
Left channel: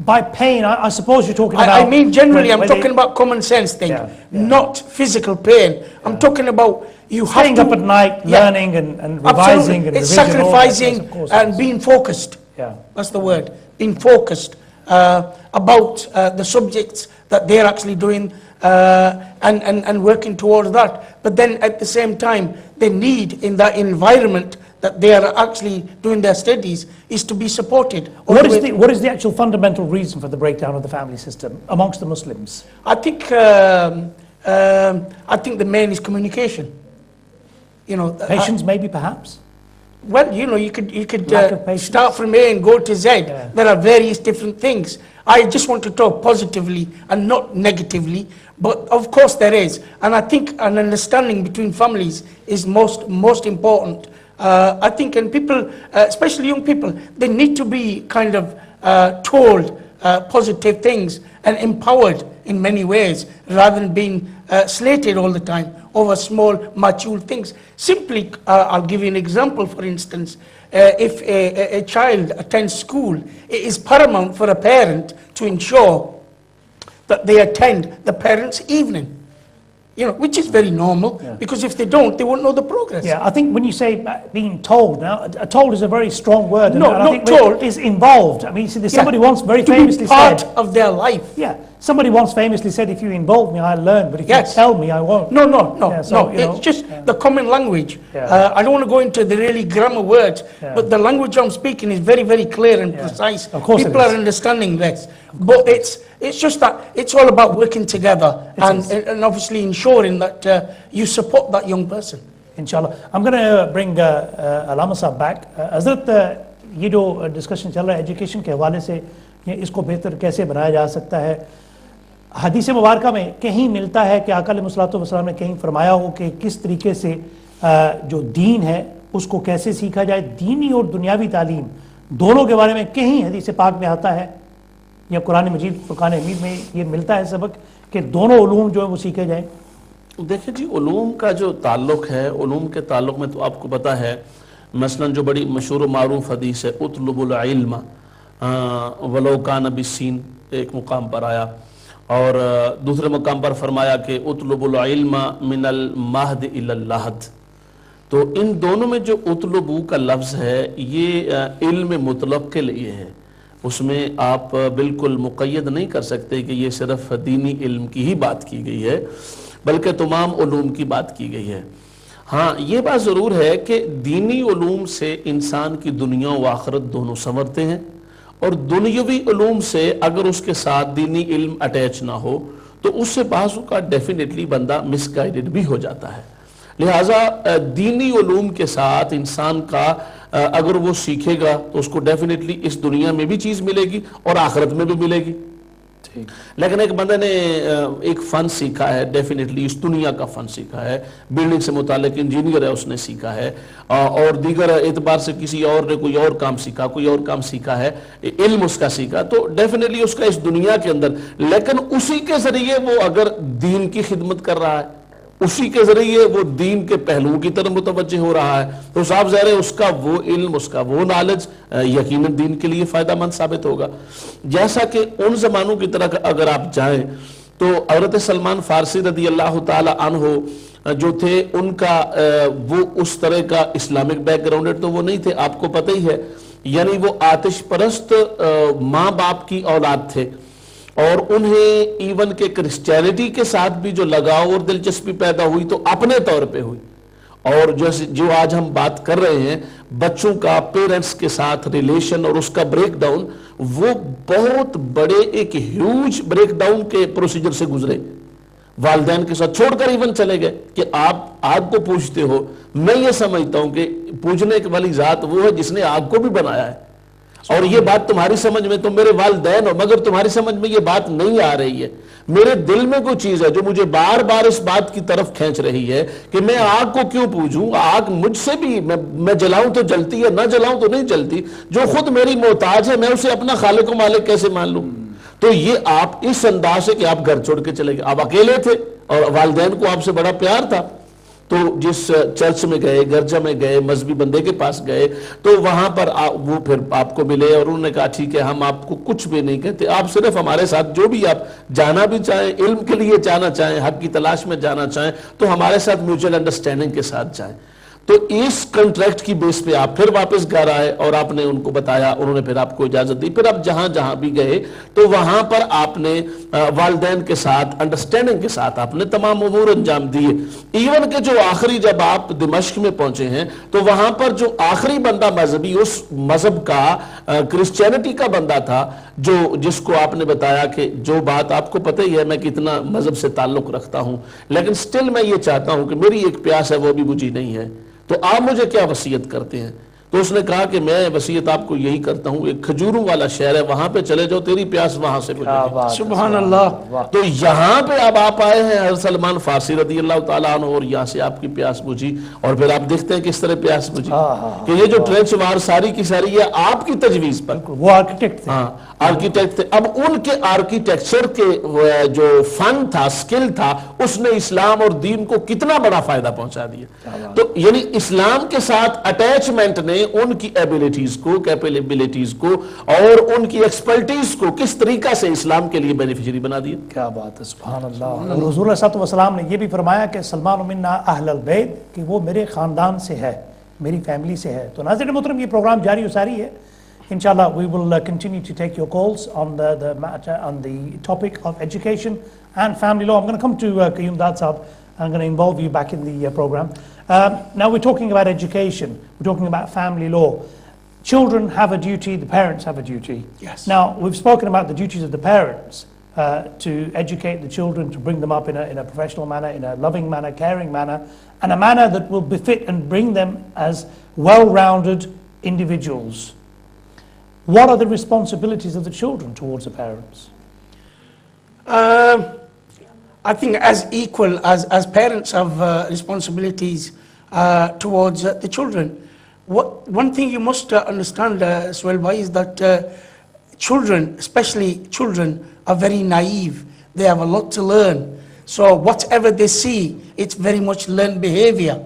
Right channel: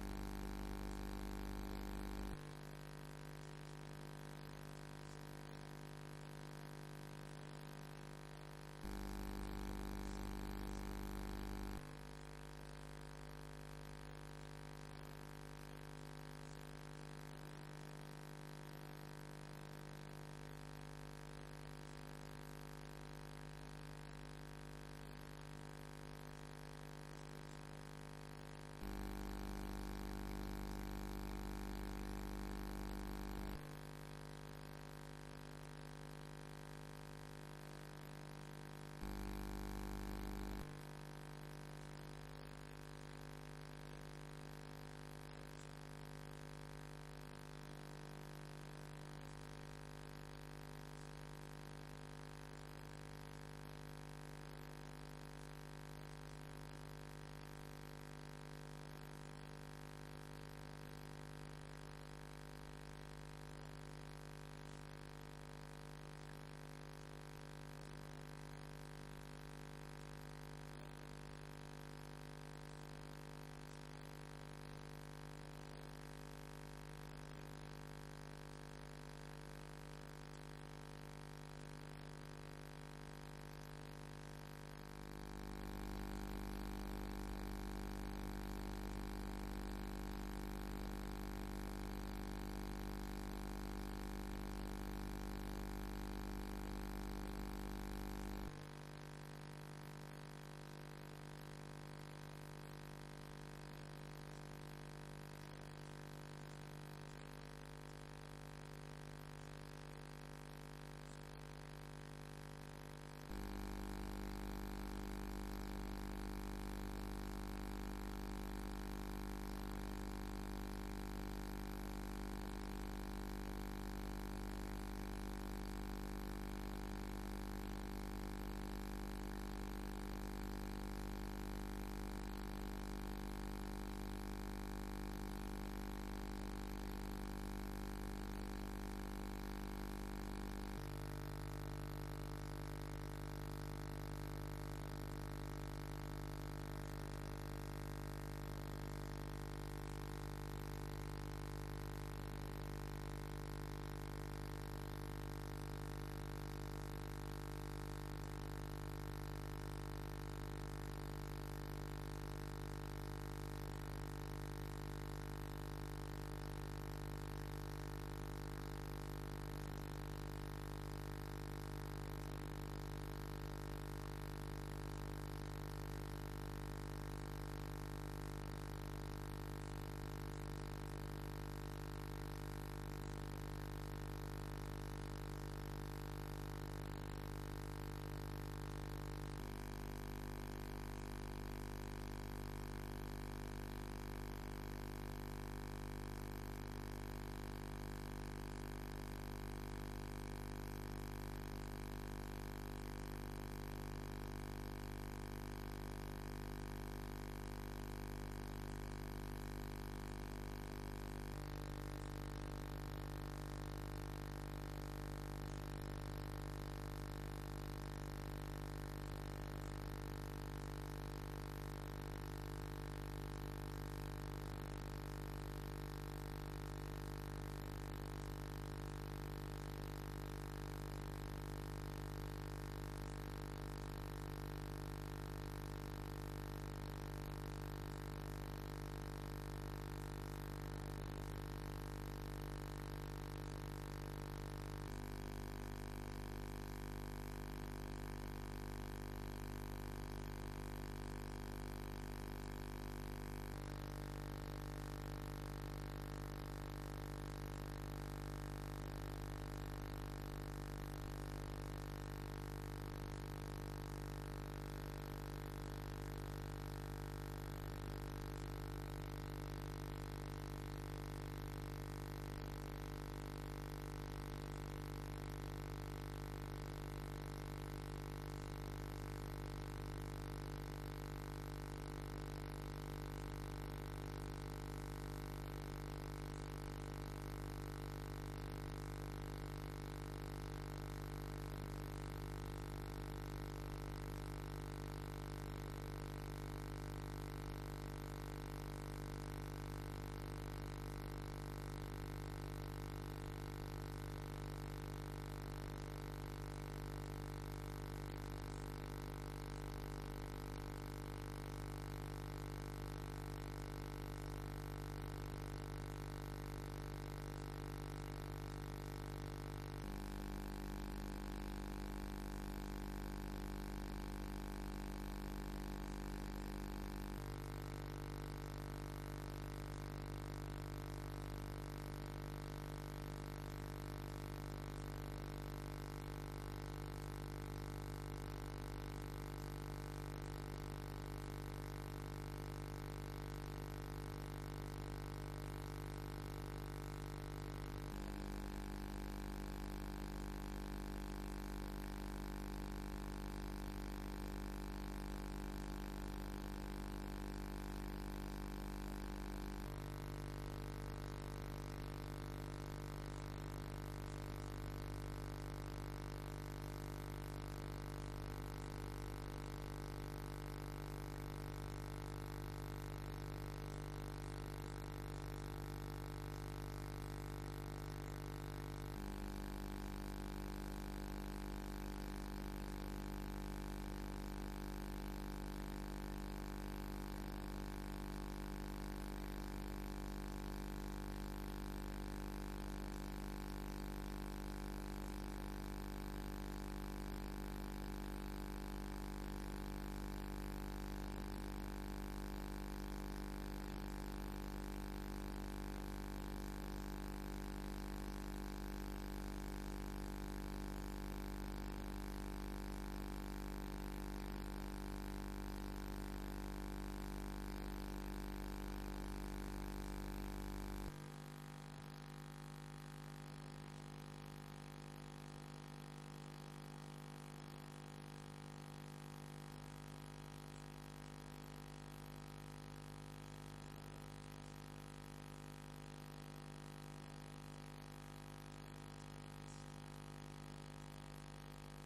by pain, I suppose you're talking about... I mean generally, I'm talking about common sense thing, not physical pain. I'm talking about you have to... Staying up at night, learning and revising and it's revision, sacrificing and being focused. Yeah. That's the word. Being focused about the subjects that they're actually doing and working towards that. But then at the same time, they need in that environment that they are actually doing their studies is to be supported. What is the actual fundamental reason for the breakdown of the family system amongst the Muslims? I think the main is communication. Patience maybe perhaps? Well, you could start from A and go to Z. Yeah. There are various different things. I just want to talk positively and not negatively. But of course there is. And I think an understanding between families is most important. I think, and people, especially young people, they need to be kind of told positive things and empowered in many ways, rather than being slated all the time over small, mature things. Simply, I'll give you an example, for instance. If a child attends school, it is paramount for a parent to ensure that they attend the parents' evening, which is very normal, because if they don't, they won't know the progress. Yeah, I think when you say being told, now, told is a very strong word. No, and I not think told. Is involved. I mean, somebody once very famously to be part said, of their life. yeah, somebody once famously said, if you involve me, I'll learn, but if you tell me, I won't. No, Yeah, so, it's just the common language. Yeah. I don't want to go into the really grammar words, but the language I'm speaking is very, very clear and precise. Of course People it is. are understanding this. But it's just that it's all about working together and obviously ensuring that you support that young person. Inshallah. I'm going to bring Allama Sahab back. Hazrat, یہ جو discussion چل رہا ہے education کے حوالے سے اس کو بہتر کیسے بنایا جا سکتا ہے، حدیث مبارکہ میں کہیں ملتا ہے کہ آقا علیہ الصلوۃ والسلام نے کہیں فرمایا ہو کہ کس طریقے سے جو دین ہے اس کو کیسے سیکھا جائے، دینی اور دنیاوی تعلیم دونوں کے بارے میں کہیں حدیث پاک میں آتا ہے یا قرآن مجید فرقان حمید میں یہ ملتا ہے سبق کہ دونوں علوم جو ہیں وہ سیکھے جائیں؟ دیکھیں جی، علوم کا جو تعلق ہے، علوم کے تعلق میں تو آپ کو پتہ ہے، مثلا جو بڑی مشہور و معروف حدیث ہے اطلب العلم ولو کان بالسین، ایک مقام پر آیا، اور دوسرے مقام پر فرمایا کہ اطلب العلم من المہد الی اللحد. تو ان دونوں میں جو اطلبو کا لفظ ہے یہ علم مطلق کے لیے ہے، اس میں آپ بالکل مقید نہیں کر سکتے کہ یہ صرف دینی علم کی ہی بات کی گئی ہے، بلکہ تمام علوم کی بات کی گئی ہے. ہاں یہ بات ضرور ہے کہ دینی علوم سے انسان کی دنیا و آخرت دونوں سنورتے ہیں، اور دنیاوی علوم سے اگر اس کے ساتھ دینی علم اٹیچ نہ ہو تو اس سے بعض کا ڈیفینیٹلی بندہ مس گائیڈڈ بھی ہو جاتا ہے. لہٰذا دینی علوم کے ساتھ انسان کا اگر وہ سیکھے گا تو اس کو ڈیفینیٹلی اس دنیا میں بھی چیز ملے گی اور آخرت میں بھی ملے گی. لیکن ایک بندے نے ایک فن سیکھا ہے، ڈیفینیٹلی اس دنیا کا فن سیکھا ہے، بلڈنگ سے متعلق انجینئر ہے، اس نے سیکھا ہے، اور دیگر اعتبار سے کسی اور نے کوئی اور کام سیکھا، کوئی اور کام سیکھا ہے، علم اس کا سیکھا، تو ڈیفینیٹلی اس کا اس دنیا کے اندر، لیکن اسی کے ذریعے وہ اگر دین کی خدمت کر رہا ہے، اسی کے ذریعے وہ دین کے پہلوؤں کی طرف متوجہ ہو رہا ہے، تو صاحب ظاہر ہے اس کا وہ علم، اس کا وہ نالج یقیناً دین کے لیے فائدہ مند ثابت ہوگا. جیسا کہ ان زمانوں کی طرح اگر آپ جائیں تو حضرت سلمان فارسی رضی اللہ تعالی عنہ جو تھے، ان کا وہ اس طرح کا اسلامک بیک گراؤنڈ تو وہ نہیں تھے، آپ کو پتہ ہی ہے، یعنی وہ آتش پرست ماں باپ کی اولاد تھے، اور انہیں ایون کہ کرسچینٹی کے ساتھ بھی جو لگاؤ اور دلچسپی پیدا ہوئی تو اپنے طور پہ ہوئی. اور جو آج ہم بات کر رہے ہیں بچوں کا پیرنٹس کے ساتھ ریلیشن اور اس کا بریک ڈاؤن، وہ بہت بڑے ایک ہیوج بریک ڈاؤن کے پروسیجر سے گزرے، والدین کے ساتھ چھوڑ کر ایون چلے گئے کہ آپ آگ کو پوجتے ہو. میں یہ سمجھتا ہوں کہ پوجنے والی ذات وہ ہے جس نے آگ کو بھی بنایا ہے، اور یہ بات تمہاری سمجھ میں تو میرے والدین ہو، مگر تمہاری سمجھ میں یہ بات نہیں آ رہی ہے. میرے دل میں کوئی چیز ہے جو مجھے بار بار اس بات کی طرف کھینچ رہی ہے کہ میں آگ کو کیوں پوجوں. آگ مجھ سے بھی، میں جلاؤں تو جلتی ہے، نہ جلاؤں تو نہیں جلتی. جو خود میری محتاج ہے میں اسے اپنا خالق و مالک کیسے مان لوں؟ تو یہ آپ اس انداز سے کہ آپ گھر چھوڑ کے چلے گئے، آپ اکیلے تھے اور والدین کو آپ سے بڑا پیار تھا، تو جس چرچ میں گئے، گرجا میں گئے، مذہبی بندے کے پاس گئے تو وہاں پر وہ پھر آپ کو ملے اور انہوں نے کہا ٹھیک ہے ہم آپ کو کچھ بھی نہیں کہتے، آپ صرف ہمارے ساتھ جو بھی آپ جانا بھی چاہیں، علم کے لیے جانا چاہیں، حق کی تلاش میں جانا چاہیں تو ہمارے ساتھ میوچل انڈرسٹینڈنگ کے ساتھ جائیں. تو اس کنٹریکٹ کی بیس پہ آپ پھر واپس گھر آئے اور آپ نے ان کو بتایا، انہوں نے پھر آپ کو اجازت دی. پھر آپ جہاں جہاں بھی گئے تو وہاں پر آپ نے والدین کے ساتھ انڈرسٹینڈنگ کے ساتھ آپ نے تمام امور انجام دیے. ایون کہ جو آخری جب آپ دمشق میں پہنچے ہیں تو وہاں پر جو آخری بندہ مذہبی اس مذہب کا کرسچینٹی کا بندہ تھا، جس کو آپ نے بتایا کہ جو بات آپ کو پتہ ہی ہے میں کتنا مذہب سے تعلق رکھتا ہوں، لیکن سٹل میں یہ چاہتا ہوں کہ میری ایک پیاس ہے وہ بھی بجھی نہیں ہے، تو آپ مجھے کیا وصیت کرتے ہیں؟ تو اس نے کہا کہ میں وصیت آپ کو یہی کرتا ہوں، ایک کھجوروں والا شہر ہے، وہاں پہ چلے جاؤ، تیری پیاس وہاں سے بجھے گی۔ سبحان اللہ۔ تو یہاں پہ اب آپ آئے ہیں حضرت سلمان فارسی رضی اللہ تعالیٰ عنہ، اور یہاں سے آپ کی پیاس بجھی، اور پھر آپ دیکھتے ہیں کس طرح پیاس بجھی کہ یہ جو ٹرینچ وار ساری کی ساری ہے آپ کی تجویز پر، وہ آرکیٹیکٹ تھے۔ ہاں آرکیٹیکٹ تھے۔ اب ان کے آرکیٹیکچر کے جو فن تھا، سکل تھا، اس نے اسلام اور دین کو کتنا بڑا فائدہ پہنچا دیا۔ تو یعنی اسلام کے ساتھ اٹیچمنٹ نے ان کی ایبیلٹیز کو، کیپیبلٹیز کو اور ان کی ایکسپرٹیز کو کس طریقہ سے اسلام کے لیے بینیفیشری بنا دیا۔ کیا بات ہے، سبحان اللہ۔ اور حضور صلی اللہ علیہ وسلم نے یہ بھی فرمایا کہ سلمان منا اہل البیت، کہ وہ میرے خاندان سے ہے، میری فیملی سے ہے۔ تو ناظرین محترم، یہ پروگرام جاری و ساری ہے۔ Inshallah, we will continue to take your calls on the matter, on the topic of education and family law. I'm going to come to Qayyum Dad Sahab. I'm going to involve you back in the program. Now we're talking about education. We're talking about family law. Children have a duty, the parents have a duty. Yes. Now, we've spoken about the duties of the parents to educate the children, to bring them up in a professional manner, in a loving manner, caring manner, and a manner that will befit and bring them as well-rounded individuals. What are the responsibilities of the children towards the parents? I think as equal as parents have responsibilities towards the children. One thing you must understand, Suhail bhai, is that children, especially children, are very naive. They have a lot to learn. So whatever they see, it's very much learned behavior.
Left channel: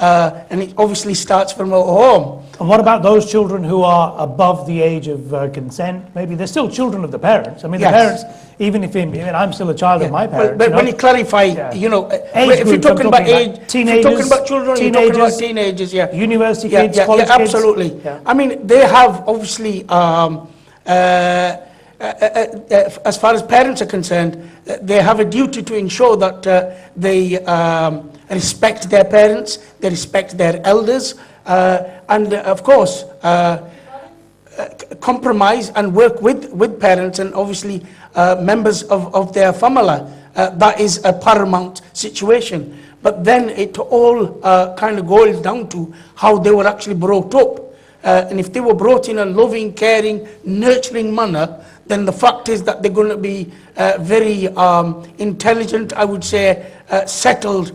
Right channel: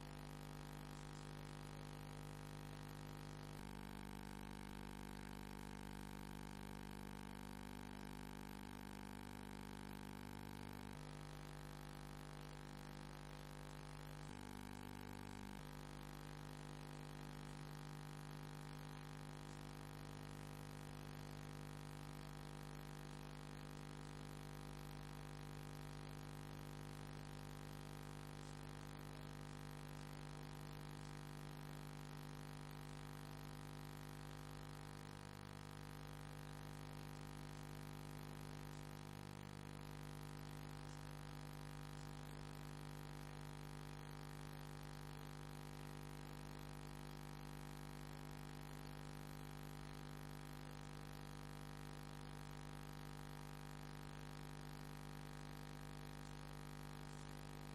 And it obviously starts from at home. And what about those children who are above the age of consent? Maybe they're still children of the parents. I mean, Yes. the parents, even if I'm still a child of my parents. But when you clarify, Yeah. you know, Age if you're groups, I'm talking about talking age, about if you're talking about children, you're talking about teenagers, teenagers, yeah. University kids, college kids. Absolutely. Yeah. I mean, they have obviously, as far as parents are concerned, they have a duty to ensure that they respect their parents, they respect their elders, and of course, compromise and work with parents and obviously members of their family. That is a paramount situation. But then it all kind of boils down to how they were actually brought up. And if they were brought in a loving, caring, nurturing manner, then the fact is that they're going to be very intelligent, I would say, settled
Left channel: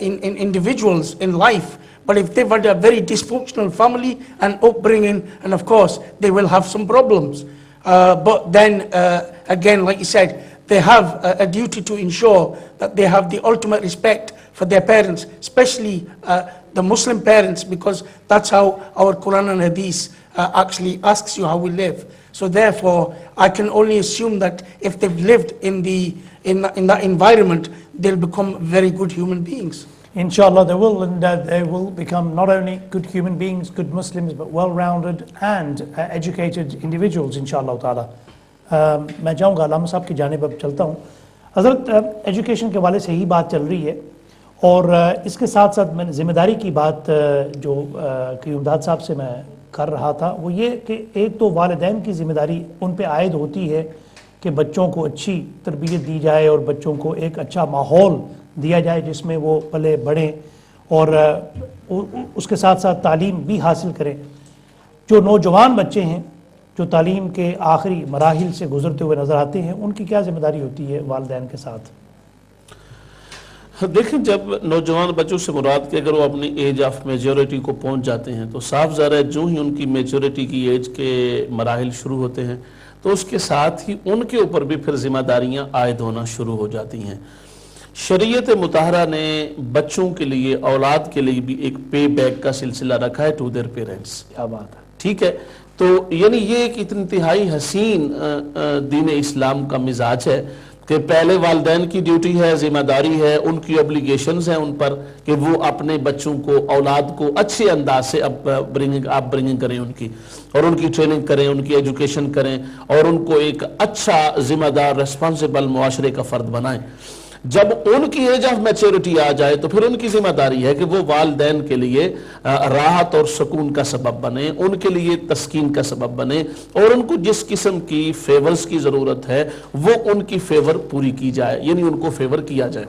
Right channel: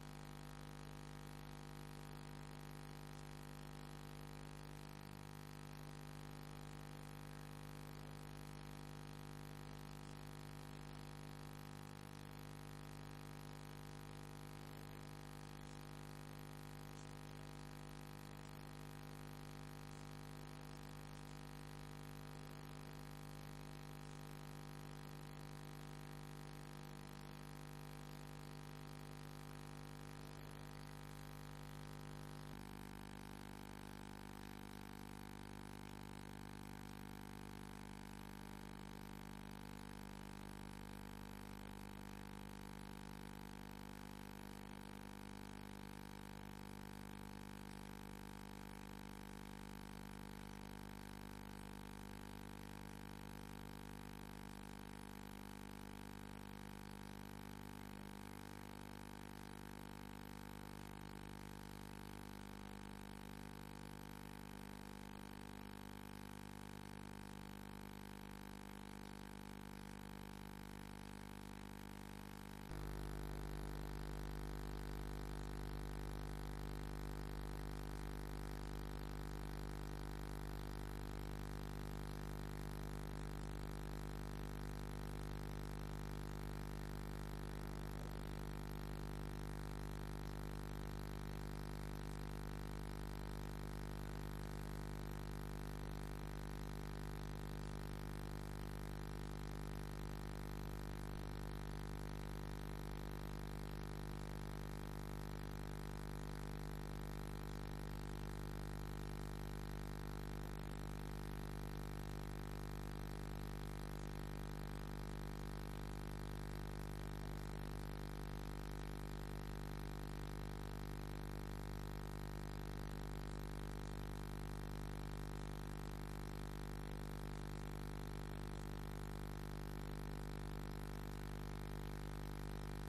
in individuals in life. But if they've had a very dysfunctional family and upbringing, and of course, they will have some problems. But then, again, like you said, they have a duty to ensure that they have the ultimate respect for their parents, especially the Muslim parents, because that's how our Quran and Hadith actually asks you how we live. So therefore, I can only assume that if they've lived in that environment, they'll become very good human beings. Inshallah they will, and they will become not only good human beings, good Muslims, but well-rounded and educated individuals, inshallah ta'ala. میں چاہوں گا علامہ صاحب کی جانب اب چلتا ہوں. حضرت education کے حوالے سے ہی بات چل رہی ہے، اور اس کے ساتھ ساتھ میں نے ذمہ داری کی بات جو قیوم داد صاحب سے میں کر رہا تھا، وہ یہ کہ ایک تو والدین کی ذمہ داری ان پہ عائد ہوتی ہے کہ بچوں کو اچھی تربیت دی جائے اور بچوں کو ایک اچھا ماحول دیا جائے جس میں وہ پلے بڑھیں اور اس کے ساتھ ساتھ تعلیم بھی حاصل کریں. جو نوجوان بچے ہیں جو تعلیم کے آخری مراحل سے گزرتے ہوئے نظر آتے ہیں، ان کی کیا ذمہ داری ہوتی ہے والدین کے ساتھ؟ دیکھیں، جب نوجوان بچوں سے مراد کہ اگر وہ اپنی ایج آف میجورٹی کو پہنچ جاتے ہیں تو صاف ظاہر ہے جو ہی ان کی میجورٹی کی ایج کے مراحل شروع ہوتے ہیں تو اس کے ساتھ ہی ان کے اوپر بھی پھر ذمہ داریاں عائد ہونا شروع ہو جاتی ہیں. شریعت مطہرہ نے بچوں کے لیے، اولاد کے لیے بھی ایک پے بیک کا سلسلہ رکھا ہے ٹو دیئر پیرنٹس. کیا بات ہے. ٹھیک ہے، تو یعنی یہ ایک انتہائی حسین دین اسلام کا مزاج ہے کہ پہلے والدین کی ڈیوٹی ہے، ذمہ داری ہے، ان کی اوبلیگیشنز ہیں ان پر کہ وہ اپنے بچوں کو، اولاد کو اچھے انداز سے برنگنگ کریں ان کی، اور ان کی ٹریننگ کریں، ان کی ایجوکیشن کریں، اور ان کو ایک اچھا ذمہ دار ریسپانسیبل معاشرے کا فرد بنائیں. جب ان کی ایج آف میچورٹی آ جائے تو پھر ان کی ذمہ داری ہے کہ وہ والدین کے لیے راحت اور سکون کا سبب بنے، ان کے لیے تسکین کا سبب بنے، اور ان کو جس قسم کی فیورز کی ضرورت ہے وہ ان کی فیور پوری کی جائے، یعنی ان کو فیور کیا جائے.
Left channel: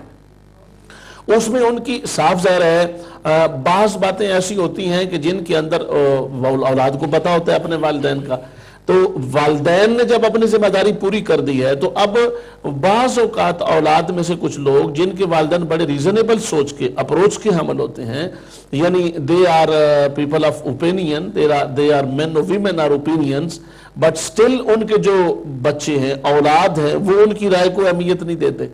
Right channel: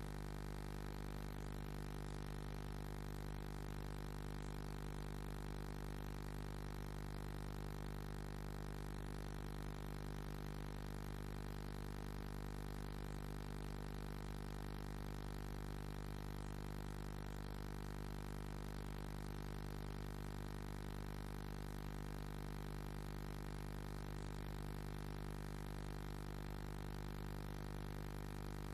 اس میں ان کی صاف ظاہر ہے بعض باتیں ایسی ہوتی ہیں کہ جن کے اندر اولاد کو پتا ہوتا ہے اپنے والدین کا، تو والدین نے جب اپنی ذمہ داری پوری کر دی ہے تو اب بعض اوقات اولاد میں سے کچھ لوگ جن کے والدین بڑے ریزنیبل سوچ کے اپروچ کے حامل ہوتے ہیں، یعنی they are people of opinion, they are men or women are opinions, but still ان کے جو بچے ہیں اولاد ہیں وہ ان کی رائے کو اہمیت نہیں دیتے.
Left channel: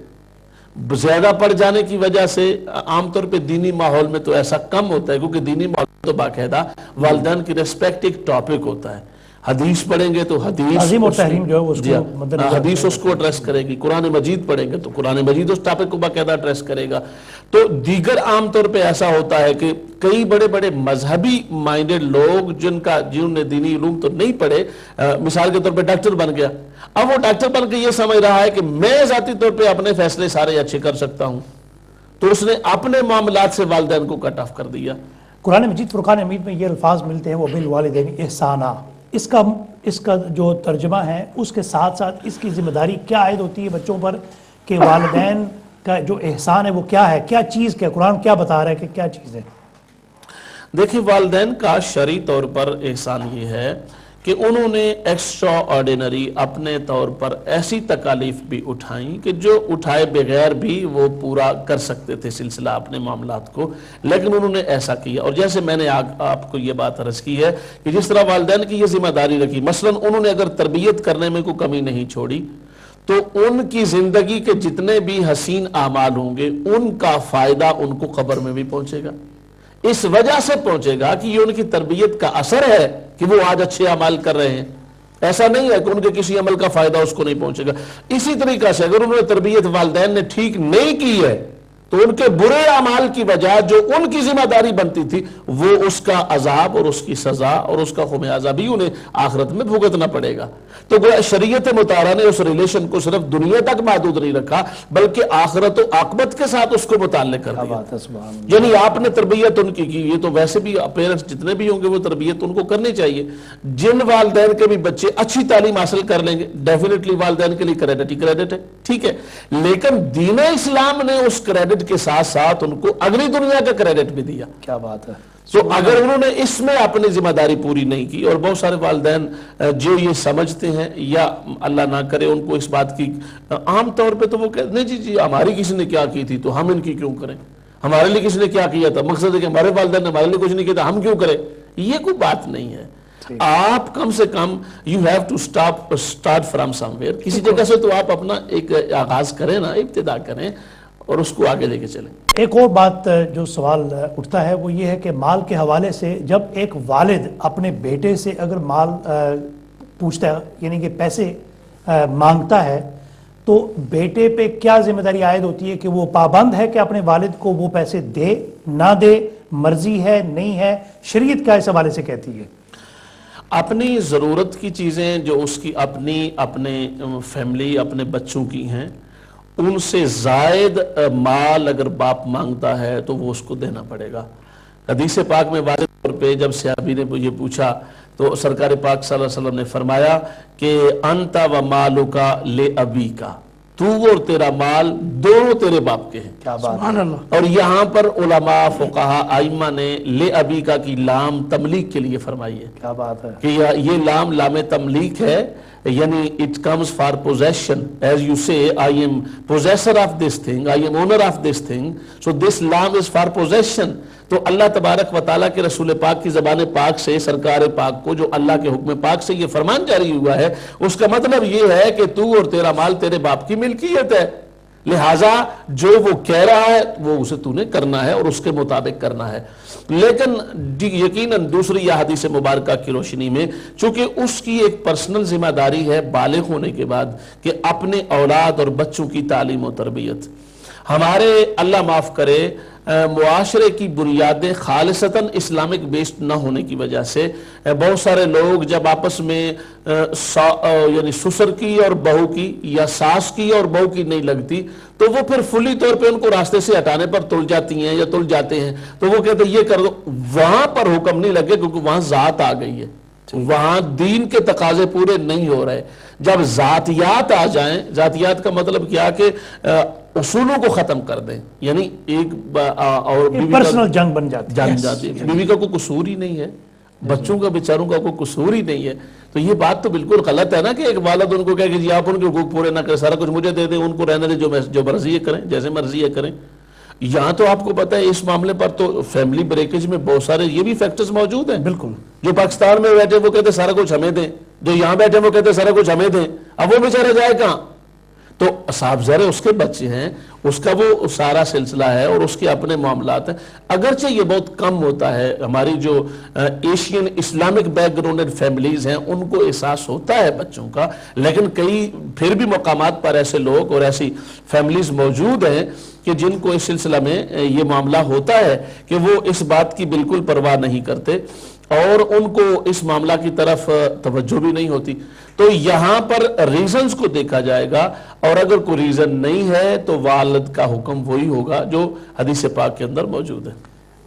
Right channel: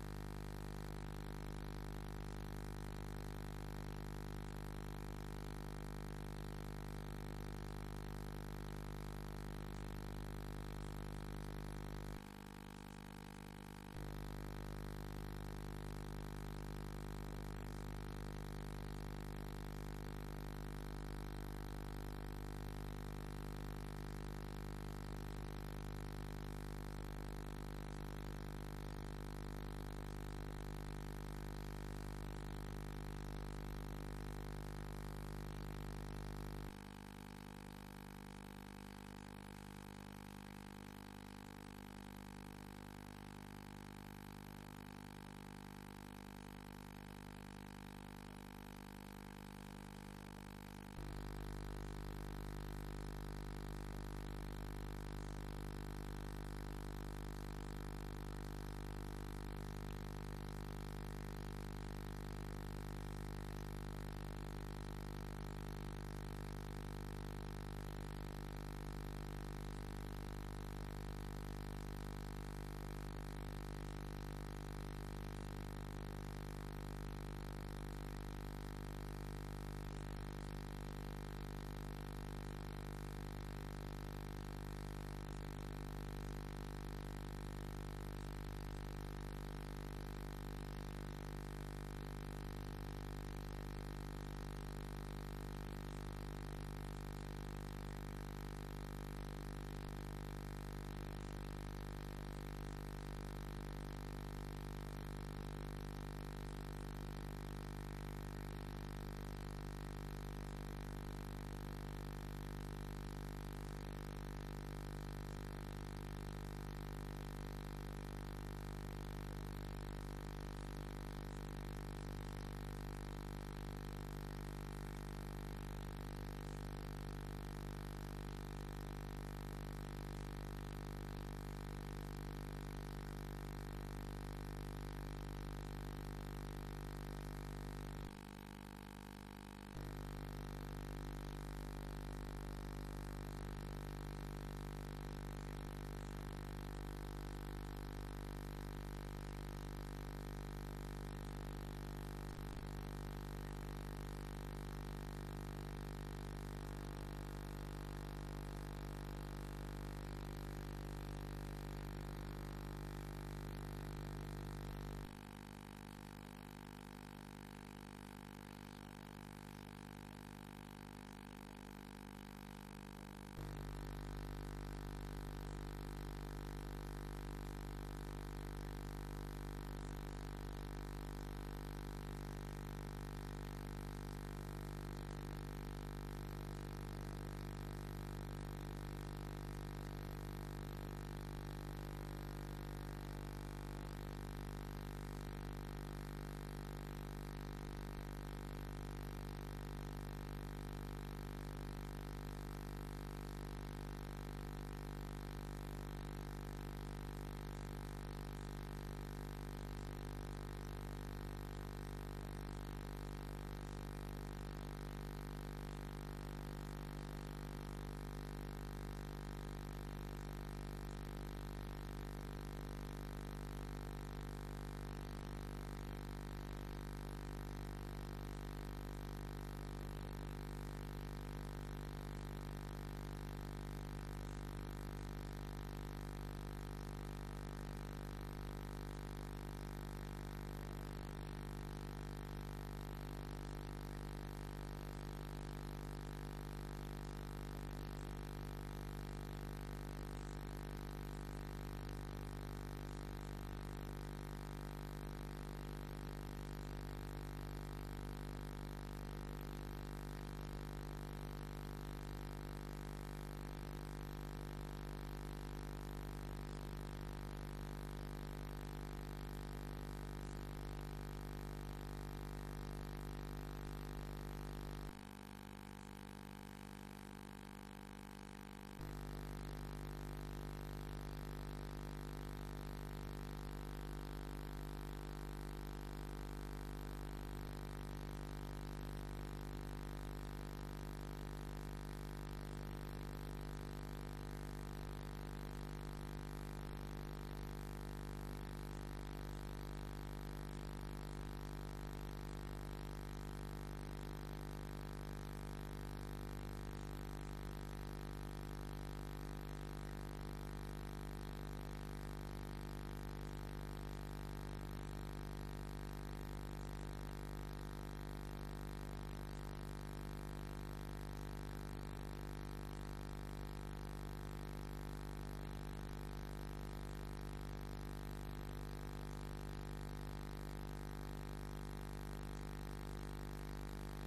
زیادہ پڑ جانے کی وجہ سے عام طور پہ دینی ماحول میں تو ایسا کم ہوتا ہے، کیونکہ دینی ماحول تو باقاعدہ والدین کی ریسپیکٹ ایک ٹاپک ہوتا ہے. حدیث پڑھیں گے تو تعظیم اور تحریم جو ہے اس کو مد نظر حدیث اس کو ایڈریس کرے گی، قرآن مجید پڑھیں گے تو قرآن مجید اس ٹاپک کو باقاعدہ ایڈریس کرے گا. تو دیگر عام طور پہ ایسا ہوتا ہے کہ کئی بڑے بڑے مذہبی مائنڈڈ لوگ جنہوں نے دینی علوم تو نہیں پڑھے، مثال کے طور پہ ڈاکٹر بن گیا، اب وہ ڈاکٹر بن کے یہ سمجھ رہا ہے کہ میں ذاتی طور پہ اپنے فیصلے سارے اچھے کر سکتا ہوں، تو اس نے اپنے معاملات سے والدین کو کٹ آف کر دیا. قرآن مجید فرقان حمید میں یہ الفاظ ملتے ہیں وہ بالوالدین احسانا، اس کا جو ترجمہ ہے اس کے ساتھ ساتھ اس کی ذمہ داری کیا عائد ہوتی ہے بچوں پر کہ والدین کا جو احسان ہے وہ کیا ہے، کیا چیز، کیا قرآن کیا بتا رہا ہے کہ کیا چیز ہے؟ دیکھیں والدین کا شرعی طور پر احسان یہ ہے کہ انہوں نے ایکسٹرا آرڈینری اپنے طور پر ایسی تکالیف بھی اٹھائیں کہ جو اٹھائے بغیر بھی وہ پورا کر سکتے تھے سلسلہ اپنے معاملات کو، لیکن انہوں نے ایسا کیا. اور جیسے میں نے آپ کو یہ بات عرض کی ہے کہ جس طرح والدین کی یہ ذمہ داری رکھی، مثلا انہوں نے اگر تربیت کرنے میں کوئی کمی نہیں چھوڑی تو ان کی زندگی کے جتنے بھی حسین اعمال ہوں گے ان کا فائدہ ان کو قبر میں بھی پہنچے گا. اس وجہ سے پہنچے گا کہ یہ ان کی تربیت کا اثر ہے کہ وہ آج اچھے اعمال کر رہے ہیں. ایسا نہیں ہے کہ ان کے کسی عمل کا فائدہ اس کو نہیں پہنچے گا. اسی طریقہ سے اگر انہوں نے تربیت والدین نے ٹھیک نہیں کی ہے تو ان کے برے اعمال کی وجہ جو ان کی ذمہ داری بنتی تھی وہ اس کا عذاب اور اس کی سزا اور اس کا خمیازہ بھی انہیں آخرت میں بھگتنا پڑے گا. تو گویا شریعت مطالعہ نے اس ریلیشن کو صرف دنیا تک محدود نہیں رکھا بلکہ آخرت و عاقبت کے ساتھ اس کو متعلق کر دیا. یعنی آپ نے تربیت ان کی یہ تو ویسے بھی پیرنٹس جتنے بھی ہوں گے وہ تربیت ان کو کرنی چاہیے. جن والدین کے بھی بچے اچھی تعلیم حاصل کر لیں گے ڈیفینیٹلی والدین کے لیے کریڈٹ ہی کریڈٹ ہے، ٹھیک ہے، لیکن دین اسلام نے اس کریڈٹ کے ساتھ ساتھ ان کو اگلی دنیا کا کریڈٹ بھی دیا. کیا بات ہے. تو اگر انہوں نے اس میں اپنی ذمہ داری پوری نہیں کی، اور بہت سارے والدین جو یہ سمجھتے ہیں یا اللہ نہ کرے ان کو اس بات کی عام طور پہ تو وہ کہتے نہیں جی ہماری کسی نے کیا کی تھی تو ہم ان کی کیوں کریں، ہمارے لیے کسی نے کیا کیا تھا، مقصد ہے کہ ہمارے والدین نے ہمارے لیے کچھ نہیں کیا تھا ہم کیوں کریں. یہ کوئی بات نہیں ہے. آپ کم سے کم you have to start from somewhere، کسی جگہ سے تو آپ اپنا ایک آغاز کریں نا، ابتدا کریں اور اس کو آگے لے کے چلیں. ایک اور بات جو سوال اٹھتا ہے وہ یہ ہے کہ مال کے حوالے سے جب ایک والد اپنے بیٹے سے اگر مال پوچھتا ہے یعنی کہ پیسے مانگتا ہے تو بیٹے پہ کیا ذمہ داری عائد ہوتی ہے کہ وہ پابند ہے کہ اپنے والد کو وہ پیسے دے نہ دے، مرضی ہے نہیں ہے، شریعت کیا اس حوالے سے کہتی ہے؟ اپنی ضرورت کی چیزیں جو اس کی اپنے فیملی اپنے بچوں کی ہیں ان سے زائد مال اگر باپ مانگتا ہے تو وہ اس کو دینا پڑے گا. حدیث پاک میں واضح طور پہ جب صحابی نے یہ پوچھا تو سرکار پاک صلی اللہ علیہ وسلم نے فرمایا کہ انت و مالک لابیک، تو اور تیرا مال دونوں تیرے باپ کے ہیں. سبحان اللہ. اور یہاں پر علماء فقہاء ائمہ نے لابیک کی لام تملیک کے لیے فرمائی ہے. کیا بات ہے کہ یہ لام تملیک ہے، یعنی it comes for possession, as you say I am possessor of this thing, I am owner of this thing, so this lam is for possession. تو اللہ تبارک و تعالیٰ کے رسول پاک کی زبان پاک سے سرکار پاک کو جو اللہ کے حکم پاک سے یہ فرمان جاری ہوا ہے اس کا مطلب یہ ہے کہ تو اور تیرا مال تیرے باپ کی ملکیت ہے، لہٰذا جو وہ کہہ رہا ہے وہ اسے تو نے کرنا ہے اور اس کے مطابق کرنا ہے. لیکن یقیناً دوسری یہ حدیث مبارکہ کی روشنی میں چونکہ اس کی ایک پرسنل ذمہ داری ہے بالغ ہونے کے بعد کہ اپنے اولاد اور بچوں کی تعلیم و تربیت. ہمارے اللہ معاف کرے معاشرے کی بنیادیں خالصتاً اسلامک بیسڈ نہ ہونے کی وجہ سے بہت سارے لوگ جب آپس میں یعنی سسر کی اور بہو کی یا ساس کی اور بہو کی نہیں لگتی تو وہ پھر فلی طور پہ ان کو راستے سے ہٹانے پر تل جاتی ہیں یا تل جاتے ہیں تو وہ کہتے ہیں یہ کر دو. وہاں پر حکم نہیں لگے کیونکہ وہاں ذات آ گئی ہے، وہاں دین کے تقاضے پورے نہیں ہو رہے. جب ذاتیات آ جائیں، ذاتیات کا مطلب کیا کہ اصولوں کو ختم کر دیں، یعنی ایک اور بیوی کا پرسنل جنگ بن جاتی جان جاتی ہے، بیوی کا کوئی قصور ہی نہیں ہے، بچوں کا بیچاروں کا کوئی قصور ہی نہیں ہے، تو یہ بات تو بالکل غلط ہے نا کہ ایک والد ان کو کہے کہ جی آپ ان کے حقوق پورے نہ کریں، سارا کچھ مجھے دے دیں، ان کو رہنے دیں، جو مرضی ہے کریں، جیسے مرضی ہے کریں۔ یہاں تو آپ کو پتہ ہے اس معاملے پر تو فیملی بریکیج میں بہت سارے یہ بھی فیکٹرز موجود ہیں۔ بالکل، جو پاکستان میں بیٹھے وہ کہتے سارا کچھ ہمیں دیں، جو یہاں بیٹھے وہ کہتے سارا کچھ ہمیں دیں، اب وہ بیچارہ جائے کہاں؟ تو صاحب ذرے اس کے بچے ہیں، اس کا وہ سارا سلسلہ ہے اور اس کے اپنے معاملات ہیں، اگرچہ یہ بہت کم ہوتا ہے، ہماری جو Asian Islamic back ground families ہیں ان کو احساس ہوتا ہے بچوں کا، لیکن کئی پھر بھی مقامات پر ایسے لوگ اور ایسی فیملیز موجود ہیں کہ جن کو اس سلسلہ میں یہ معاملہ ہوتا ہے کہ وہ اس بات کی بالکل پرواہ نہیں کرتے اور ان کو اس معاملہ کی طرف توجہ بھی نہیں ہوتی۔ تو یہاں پر ریزنز کو دیکھا جائے گا، اور اگر کوئی ریزن نہیں ہے تو والد کا حکم وہی ہوگا جو حدیث پاک کے اندر موجود ہے۔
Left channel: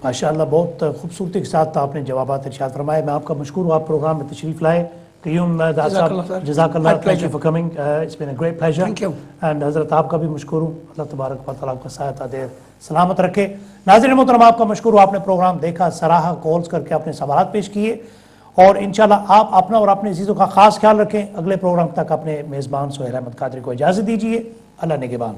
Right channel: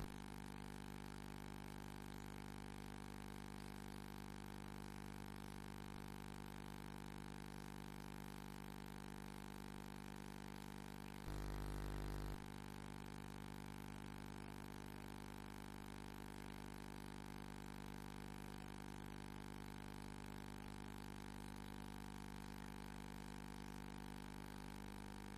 ماشاءاللہ بہت خوبصورتی کے ساتھ آپ نے جوابات ارشاد فرمائے۔ میں آپ کا مشکور ہوں، آپ پروگرام میں تشریف لائے۔ قیوم داد صاحب جزاک اللہ، thank you for coming, it's been a great pleasure. Thank you. And حضرت آپ کا بھی مشکور ہوں، اللہ تبارک و تعالیٰ آپ کا سایہ دیر سلامت رکھے۔ ناظرین محترم آپ کا مشکور ہوں، آپ نے پروگرام دیکھا، سراہا، کالز کر کے اپنے سوالات پیش کیے، اور انشاءاللہ آپ اپنا اور اپنے عزیزوں کا خاص خیال رکھیں۔ اگلے پروگرام تک اپنے میزبان سہیل احمد قادری کو اجازت دیجیے۔ اللہ نگہبان۔